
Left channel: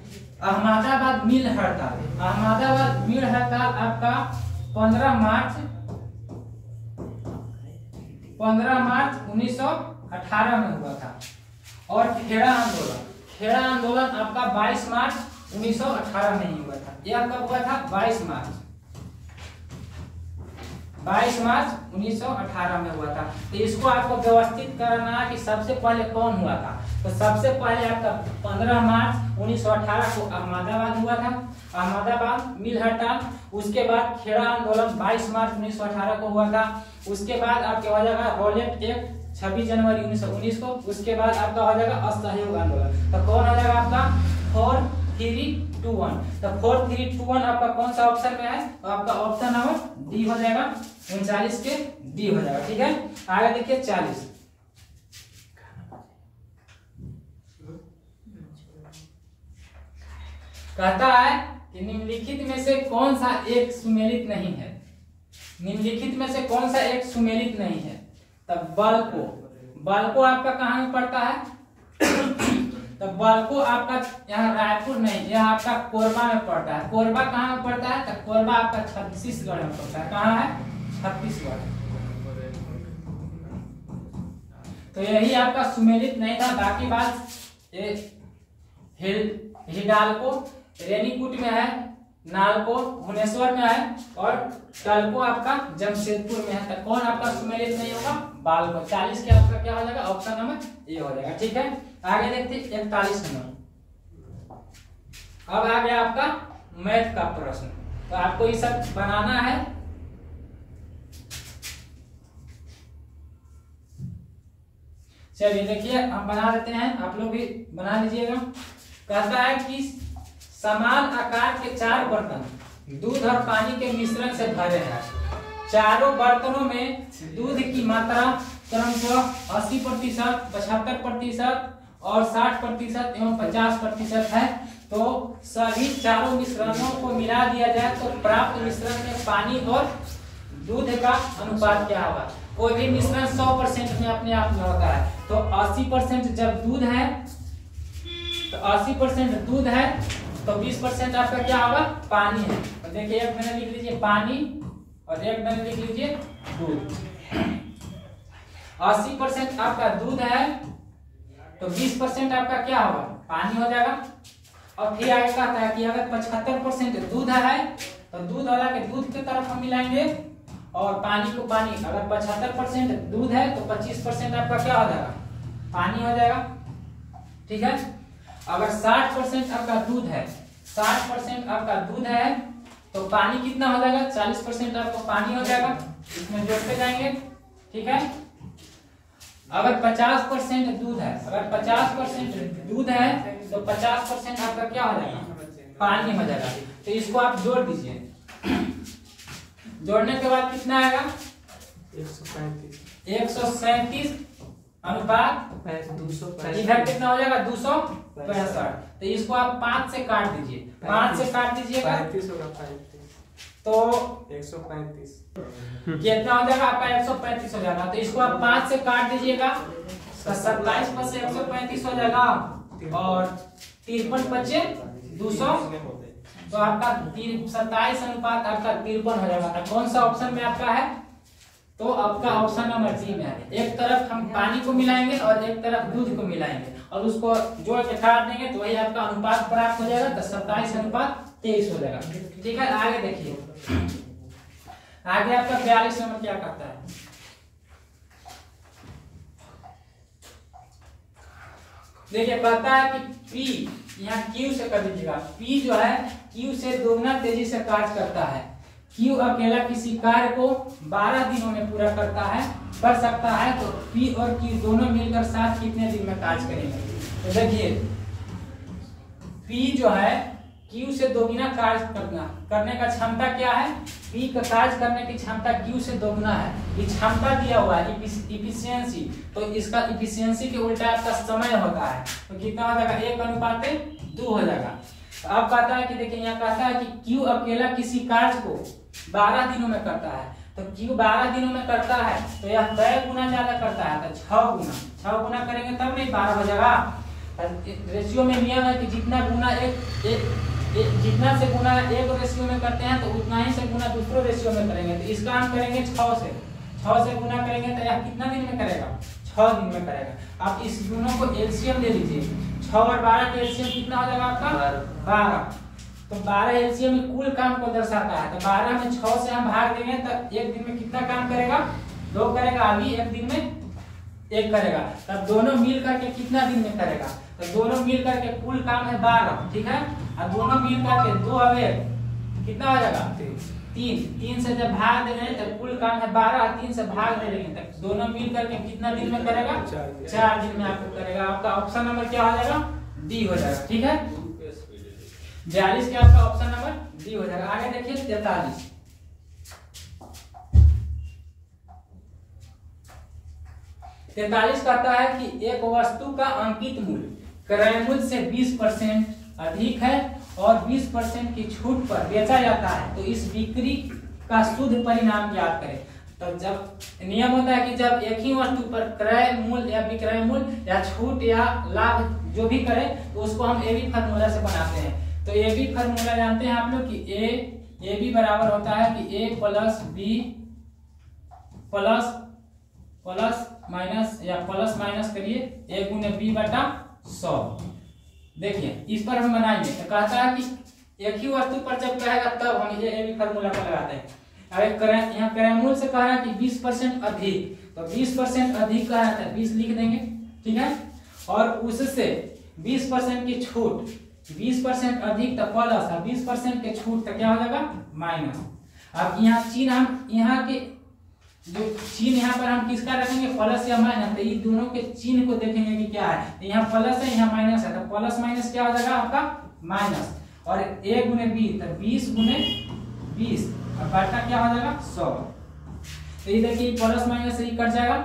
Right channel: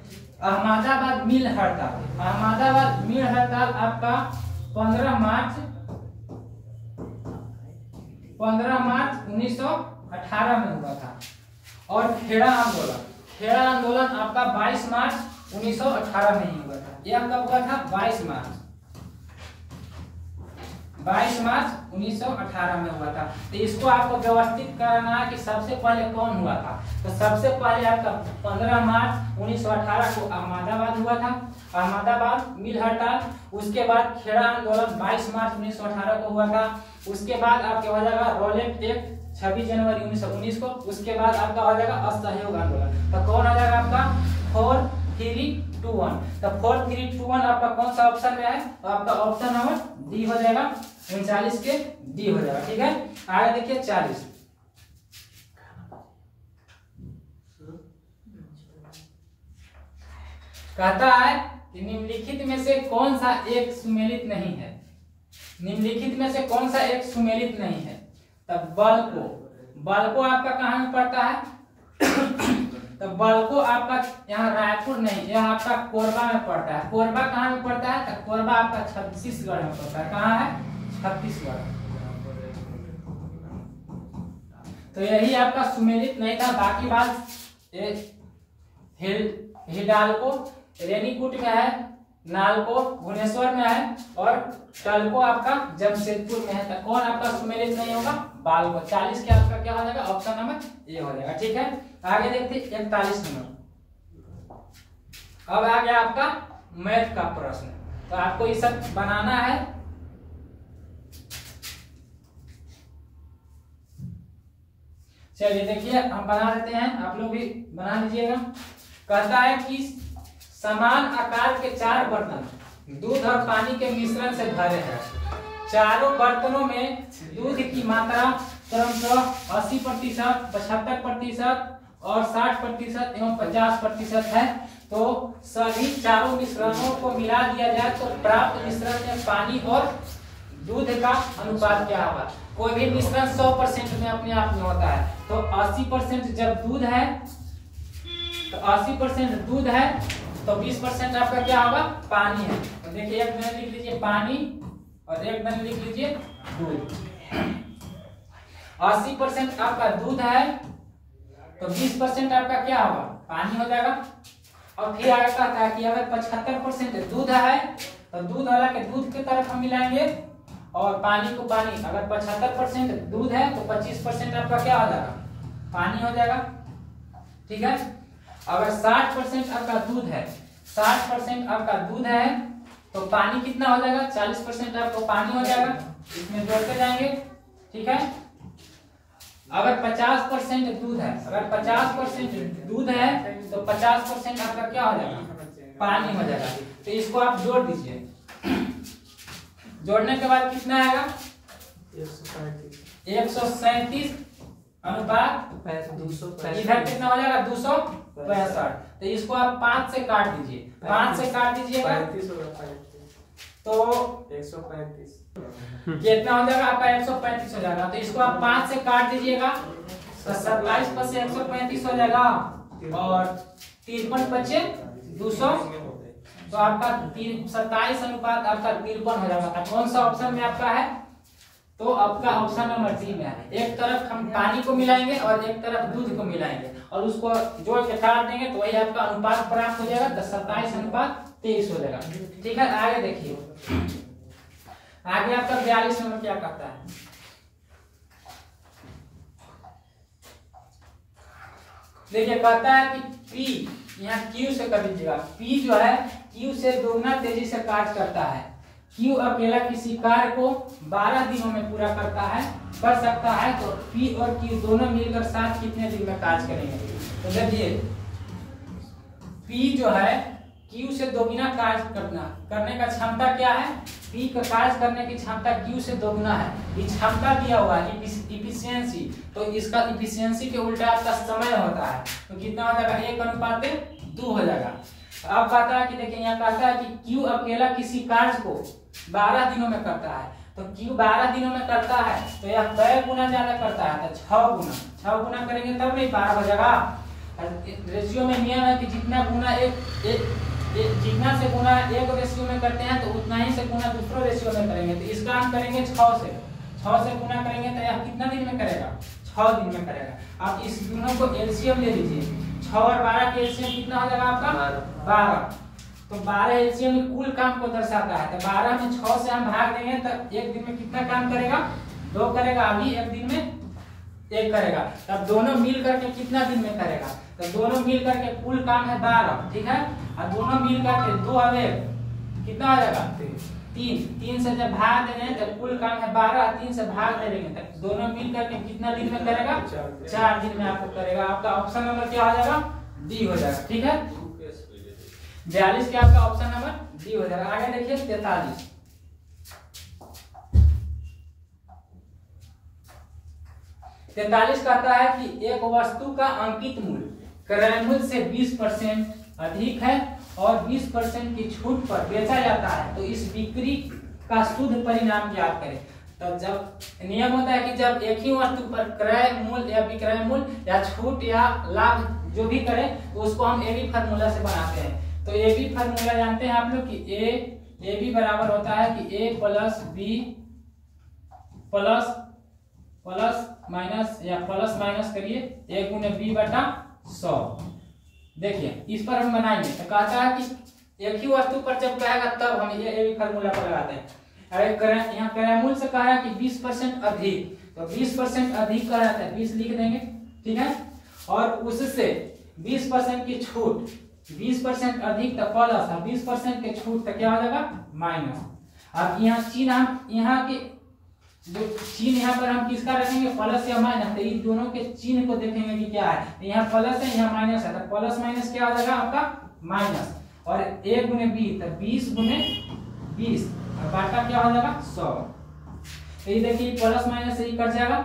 अहमदाबाद मिल हड़ताल आपका 15 मार्च 1918 में हुआ था। और खेड़ा आंदोलन आपका 22 मार्च 1918 में ही हुआ था। यह कब हुआ था, 22 मार्च 1918 में हुआ था। तो इसको आपको व्यवस्थित करना है कि सबसे पहले कौन हुआ था। तो सबसे पहले आपका 15 मार्च 1918 को अहमदाबाद हुआ था, अहमदाबाद मिल हड़ताल। उसके बाद खेड़ा आंदोलन 22 मार्च 1918 को हुआ था। उसके बाद आपके हो जाएगा रॉलेट एक्ट 26 जनवरी 1919 को। उसके बाद आपका हो जाएगा असहयोग आंदोलन। तो कौन हो जाएगा आपका 4321। तो 4321 आपका कौन सा ऑप्शन में है, तो आपका ऑप्शन नंबर डी हो जाएगा, 39 के डी हो जाएगा, ठीक है। आगे देखिए 40 कहता है कि निम्नलिखित में से कौन सा एक सुमेलित नहीं है। निम्नलिखित में से कौन सा एक सुमेलित नहीं है। तब बल्को आपका कहाँ में पड़ता है, तो बल्को आपका यहाँ रायपुर नहीं, यह आपका कोरबा में पड़ता है। कोरबा कहाँ में पड़ता है, तो कोरबा आपका छत्तीसगढ़ में पड़ता है। कहाँ है, छत्तीसगढ़। तो यही आपका सुमेलित नहीं था। बाकी बात हिडाल्को रेनीकूट में है, नालको भुवनेश्वर में है और टल्को आपका जमशेदपुर में है। तो कौन आपका सुमेलित नहीं होगा, बाल्को। 40 के आपका क्या हो जाएगा, ऑप्शन नंबर ए हो जाएगा, ठीक है। आगे देखते 41 नंबर। अब आ गया आपका मैथ का प्रश्न। तो आपको ये सब बनाना है। चलिए देखिए हम बना देते हैं, आप लोग भी बना लीजिएगा। कहता है कि समान आकार के 4 बर्तन दूध और पानी के मिश्रण से भरे हैं। चारों बर्तनों में दूध की मात्रा क्रमशः 80%, 75% और 60% एवं 50% है। तो सभी चारों मिश्रणों को मिला दिया जाए तो प्राप्त मिश्रण में पानी और दूध का अनुपात क्या होगा। कोई भी मिश्रण 100% में अपने आप में होता है। तो 80% जब दूध है तो 80% दूध है तो 20% आपका क्या होगा, पानी है। तो देखिए एक मैंने लिख लीजिए पानी और एक मैंने लिख लीजिए दूध। 80% आपका दूध है तो 20% आपका क्या होगा, पानी हो जाएगा। और फिर आगे कहता है कि अगर 75% दूध है तो दूध वाला के दूध की तरफ हम मिलाएंगे और पानी को पानी। अगर 75% दूध है तो 25% आपका क्या हो जाएगा, पानी हो जाएगा। ठीक है। अगर 60% आपका दूध है, 60% आपका दूध है तो पानी कितना हो जाएगा, 40% आपको पानी हो जाएगा। इसमें जोड़ते जाएंगे। ठीक है। अगर 50% दूध है, अगर 50% दूध है तो 50% आपका क्या हो जाएगा, पानी हो जाएगा। तो इसको आप जोड़ दीजिए। जोड़ने के बाद कितना आएगा, 137 अनुपात 265। इधर कितना हो जाएगा, 265। तो इसको आप 5 से काट दीजिए। 5 से काट दीजिएगा तो 135 कितना हो जाएगा आपका, 135 हो जाएगा। तो इसको आप 5 से काट दीजिएगा तो 27 पर से 135 हो जाएगा और 53 बचे 200। तो आपका 27 अनुपात आपका 53 हो जाएगा। कौन सा ऑप्शन में आपका है, तो आपका ऑप्शन नंबर 3 में है। एक तरफ हम पानी को मिलाएंगे और एक तरफ दूध को मिलाएंगे और उसको जोड़ के काट देंगे तो वही आपका अनुपात प्राप्त हो जाएगा। तो 27 अनुपात 23 हो जाएगा। ठीक है। आगे देखिए, आगे आपका 42 नंबर क्या कहता है, देखिए कहता है कि P यहाँ Q से कर दीजिएगा। P जो है Q से दोगुना तेजी से कार्य करता है। Q अकेला किसी कार्य को 12 दिनों में पूरा कर सकता है तो P और Q दोनों मिलकर साथ कितने दिन में कार्य करेंगे। तो देखिए P जो है Q से दोगुना कार्य करने का क्षमता क्या है, P का कार्य करने की क्षमता Q से दोगुना है। ये क्षमता दिया हुआ है इफिशियंसी, तो इसका इफिशियंसी के उल्टा आपका समय होता है। तो कितना हो जाएगा, 1:2 हो जाएगा। अब कहता है कि देखिए यहाँ कहता है कि Q अकेला किसी कार्य को 12 दिनों में करता है। तो Q 12 दिनों में करता है तो यह कै गुना ज्यादा करता है, तो 6 गुना करेंगे तब नहीं 12 हो जाएगा। रेशियो में नियम है कि जितना गुना जितना से गुना एक रेशियो में करते हैं तो उतना ही से गुना दूसरे रेशियो में करेंगे। तो इसका हम करेंगे 6 से गुना करेंगे तो यह कितना दिन में करेगा, 6 दिन में करेगा। आप इस दोनों को एलसीएम ले लीजिए। 6 और 12 का एलसीएम कितना हो जाएगा आपका, 12। तो 12 एलसीएम कुल काम को दर्शाता है। तो 12 में 6 से हम भाग देंगे तो एक दिन में कितना काम करेगा, 2 करेगा। अभी एक दिन में 1 करेगा। तब दोनों मिल करके कितना दिन में करेगा, तो दोनों मिल करके कुल काम है 12। ठीक है। और दोनों मिल करके 2 और 1 कितना हो जाएगा, 3 से जब भाग दे रहे तो कुल काम है 12, 3 से भाग दे देंगे तक दोनों मिल करके कितना दिन में करेगा, 4 दिन में आपको करेगा। आपका ऑप्शन नंबर क्या हो जाएगा, डी हो जाएगा। ठीक है। 42 के आपका ऑप्शन नंबर डी हो जाएगा। आगे देखिए 43। 43 कहता है कि एक वस्तु का अंकित मूल्य क्रय मूल्य से 20% अधिक है और 20% की छूट पर बेचा जाता है तो इस बिक्री का शुद्ध परिणाम ज्ञात करें। तो जब नियम होता है कि जब एक ही वस्तु पर क्रय मूल्य या विक्रय मूल्य या छूट या लाभ जो भी करें तो उसको हम एबी फार्मूला से बनाते हैं। तो एबी फार्मूला जानते हैं आप लोग कि ए बी बराबर होता है कि ए प्लस बी प्लस माइनस या प्लस माइनस करिए ए गुने बी बटा 100। देखिए इस पर हम बनाएंगे तो कहता है कि एक ही वस्तु पर जब कहेगा तब हम ये एबी फार्मूला पर लगाते हैं। अरे यहाँ क्रय मूल्य से कहा है कि 20% अधिक, तो 20% अधिक कहा है 20 लिख देंगे। ठीक है। और उससे 20% की छूट, 20% अधिक तो प्लस और 20% के छूट तो क्या हो जाएगा माइनस। अब यहाँ चिन्ह हम यहाँ के जो चिन्ह यहाँ पर हम किसका रखेंगे, प्लस या माइनस। तो इन दोनों के चिन्ह को देखेंगे कि क्या है, तो यहाँ प्लस है यहाँ माइनस है। तो प्लस माइनस क्या हो जाएगा आपका माइनस। और ए गुने बी तो 20 गुने 20 और बटा क्या हो जाएगा 100। तो ये देखिए प्लस माइनस से ही कट जाएगा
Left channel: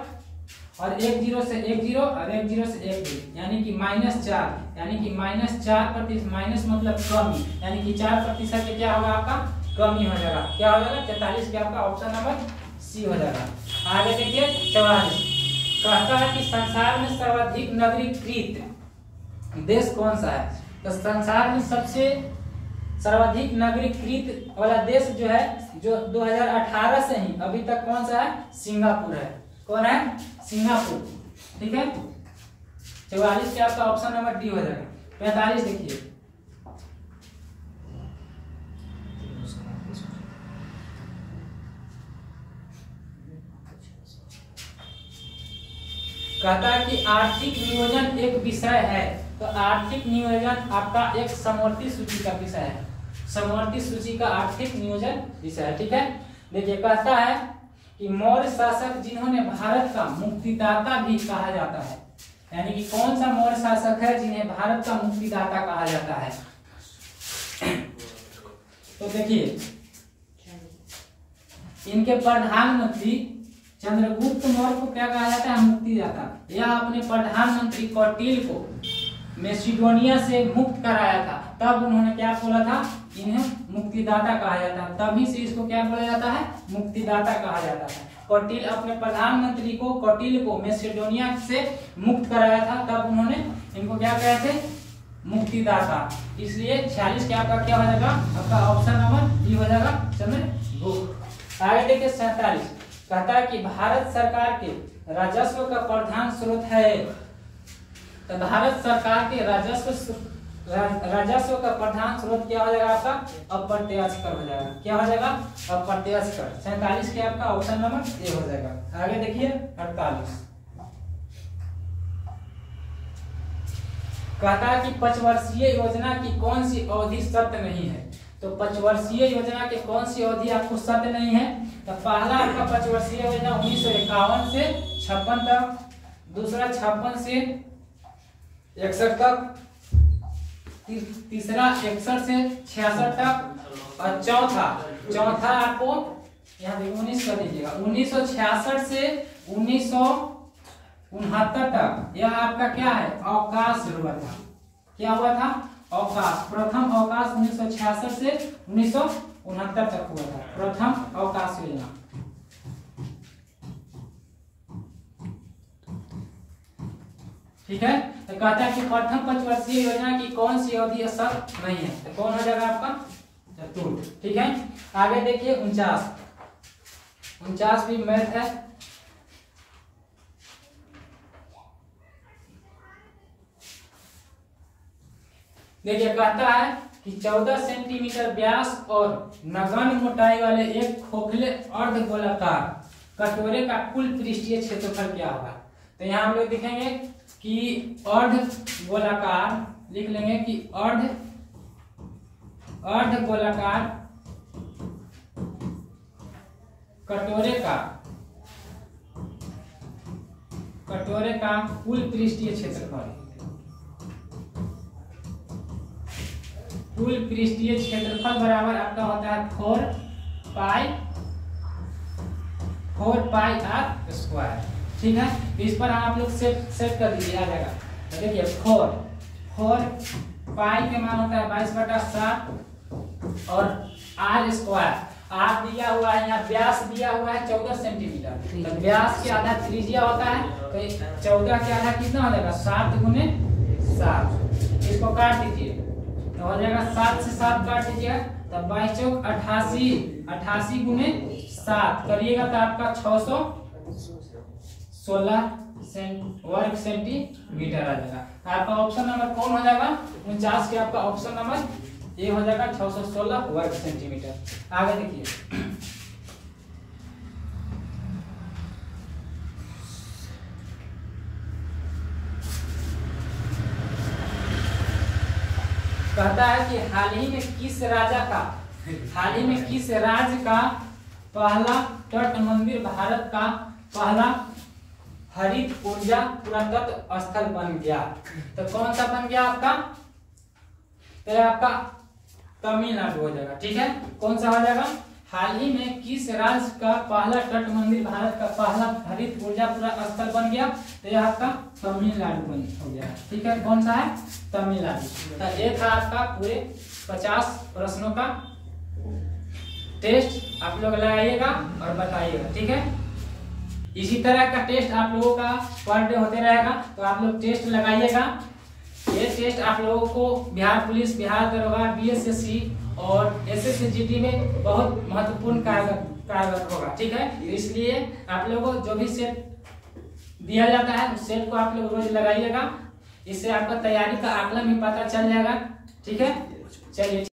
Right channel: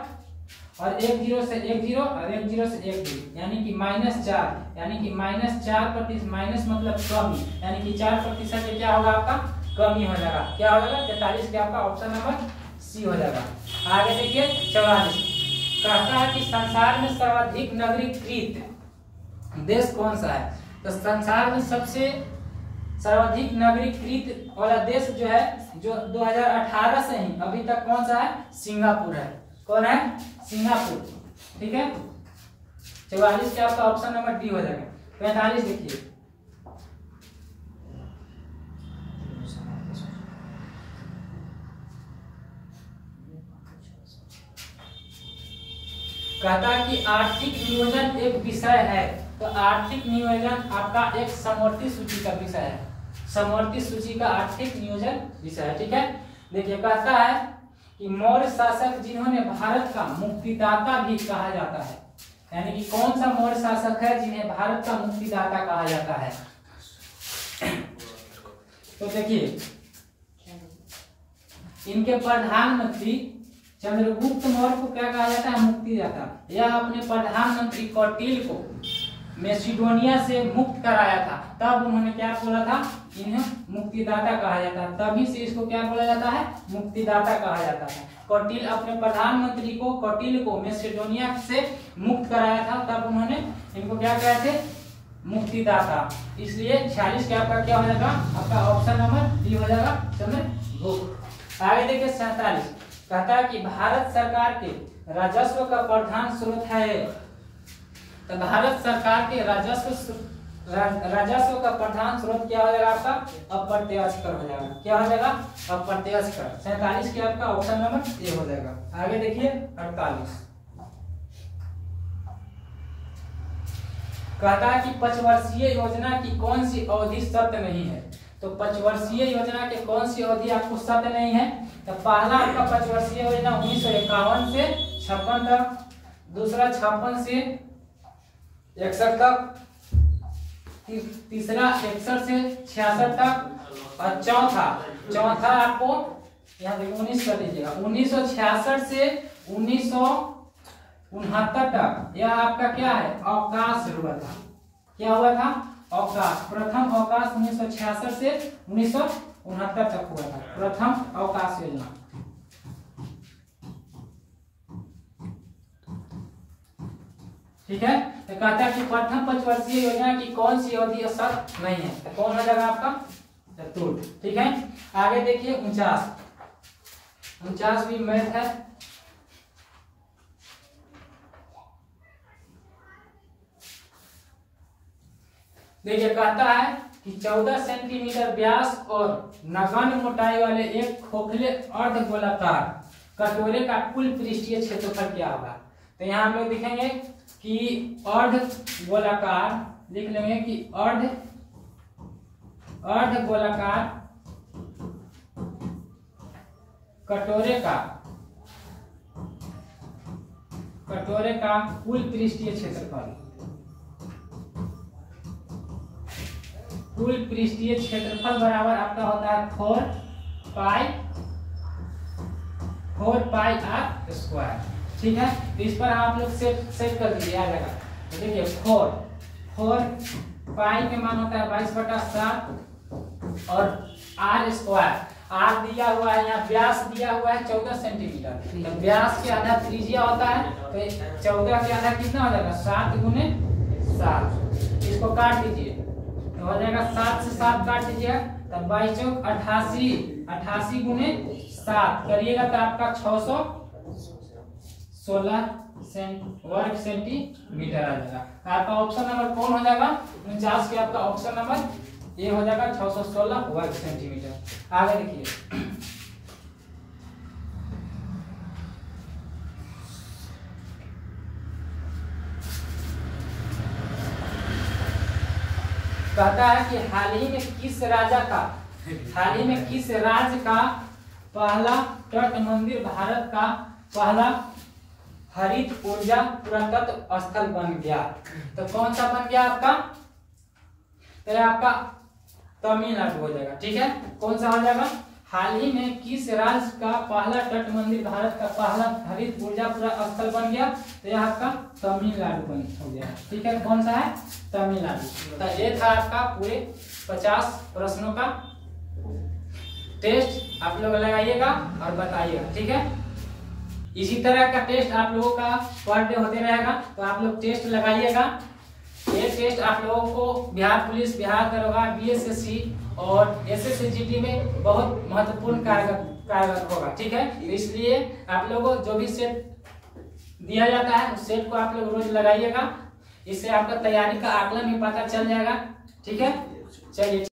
और 1 0 से 1 0 और 1 0 से 1 0 यानी कि -4 यानी कि -4% माइनस मतलब कमी यानी कि 4% से क्या होगा आपका कमी हो जाएगा। क्या हो जाएगा 43 के आपका ऑप्शन नंबर सी हो जाएगा। आगे देखिए 44 कहता है कि संसार में सर्वाधिक देश कौन सा है? तो संसार में सबसे सर्वाधिक नागरिकृत वाला देश जो है, जो 2018 से ही अभी तक कौन सा है? सिंगापुर है। कौन है? सिंगापुर। ठीक है, 44 के आपका ऑप्शन नंबर डी हो जाएगा। 45 देखिए, कहता है कि आर्थिक नियोजन एक विषय है। तो आर्थिक नियोजन आपका एक समवर्ती सूची का विषय है। समवर्ती सूची का आर्थिक नियोजन विषय है। ठीक है, देखिए कहता है कि मौर्य शासक जिन्होंने भारत का मुक्तिदाता भी कहा जाता है, यानी कि कौन सा मौर्य शासक है जिन्हें भारत का मुक्तिदाता कहा जाता है? तो देखिए, इनके प्रधानमंत्री चंद्रगुप्त मौर्य को क्या कहा जाता है? मुक्तिदाता। यह अपने प्रधानमंत्री कौटिल्य को मैसिडोनिया से मुक्त कराया था, तब उन्होंने क्या बोला था? इन्हें मुक्तिदाता कहा जाता है। तभी से इसको क्या बोला जाता है? मुक्तिदाता कहा जाता है। कौटिल्य अपने प्रधानमंत्री को, कौटिल्य को मैसिडोनिया से मुक्त कराया था, तब उन्होंने इनको क्या कहे थे? मुक्तिदाता। इसलिए 46 के आपका क्या हो जाएगा? आपका ऑप्शन नंबर डी हो जाएगा, चंद्रगुप्त। आगे देखिए 47, कहता है कि भारत सरकार के राजस्व का प्रधान स्रोत है। तो भारत सरकार के राजस्व का प्रधान स्रोत क्या हो जाएगा आपका? अप्रत्यक्ष कर हो जाएगा। क्या हो जाएगा? अप्रत्यक्ष कर। 47 के आपका ऑप्शन नंबर ए हो जाएगा। आगे देखिए 48, कहता है कि 5 वर्षीय योजना की कौन सी अवधि सत्य नहीं है? तो 5 वर्षीय योजना के कौन सी अवधि आपको सत्य नहीं है? तो पहला आपका 5 वर्षीय योजना 1951 से 56 तक, दूसरा 56 से 61 तक, तीसरा 61 से 66 तक, और चौथा आपको यहाँ देखिए 19 कर दीजिएगा, 1966 से 1969 तक। यह आपका क्या है? अवकाश हुआ था। क्या हुआ था? अवकाश। प्रथम अवकाश 1966 से 1969 तक हुआ था, प्रथम अवकाश योजना। ठीक है, तो कहता है कि प्रथम 5 वर्षीय योजना की कौन सी अवधि सत्य नहीं है? तो कौन हो जाएगा आपका? चतुर्थ। ठीक है, आगे देखिए 49 भी मैथ है। देखिए कहता है कि 14 सेंटीमीटर व्यास और नगण्य मोटाई वाले एक खोखले अर्धगोलाकार कटोरे का कुल पृष्ठीय क्षेत्रफल क्या होगा? तो यहाँ हम लोग लिखेंगे कि अर्धगोलाकार, लिख लेंगे कि अर्धगोलाकार कटोरे का कुल पृष्ठीय क्षेत्रफल, कुल पृष्ठीय क्षेत्रफल बराबर आपका होता है 4 पाई r स्क्वायर। ठीक है, तो इस पर आप लोग सेट कर दीजिए, आ जाएगा। तो देखिए 4 पाई के मान होता है 22/7 और r स्क्वायर। r दिया हुआ है, यहाँ व्यास दिया हुआ है 14 सेंटीमीटर। तो व्यास के आधा त्रिज्या होता है, तो 14 के आधा कितना हो जाएगा? 7 × 7। इसको काट दीजिए तो हो जाएगा 7 से 7 काट दीजिएगा, तब 22 × 88, 88 × 7 करिएगा तो आपका 616 वर्ग सेंटीमीटर आ जाएगा। आपका ऑप्शन नंबर कौन हो जाएगा? 49 के आपका ऑप्शन नंबर ए हो जाएगा, 616 वर्ग सेंटीमीटर। आगे देखिए कहता है कि हाल ही में किस राज्य का पहला तट मंदिर भारत का पहला हरित ऊर्जा पुरातत्व स्थल बन गया? तो कौन सा बन गया आपका? तो आपका तमिलनाडु हो जाएगा। ठीक है, कौन सा हो जाएगा? हाल ही में किस राज्य का पहला तट मंदिर भारत का पहला हरित ऊर्जा स्थल बन गया? तो यह आपका तमिलनाडु हो गया। ठीक है, कौन सा है? तमिलनाडु। तो ये था आपका पूरे 50 प्रश्नों का टेस्ट। आप लोग लगाइएगा और बताइएगा। ठीक है, इसी तरह का टेस्ट आप लोगों का पर डे होते रहेगा, तो आप लोग टेस्ट लगाइएगा। ये टेस्ट आप लोगों को बिहार पुलिस, बिहार दरोगा, बीएसएससी और एसएससी में बहुत महत्वपूर्ण कारगर होगा। ठीक है, तो इसलिए आप लोगों को जो भी सेट दिया जाता है उस सेट को आप लोग रोज लगाइएगा। इससे आपका तैयारी का आकलन भी पता चल जाएगा। ठीक है, चलिए।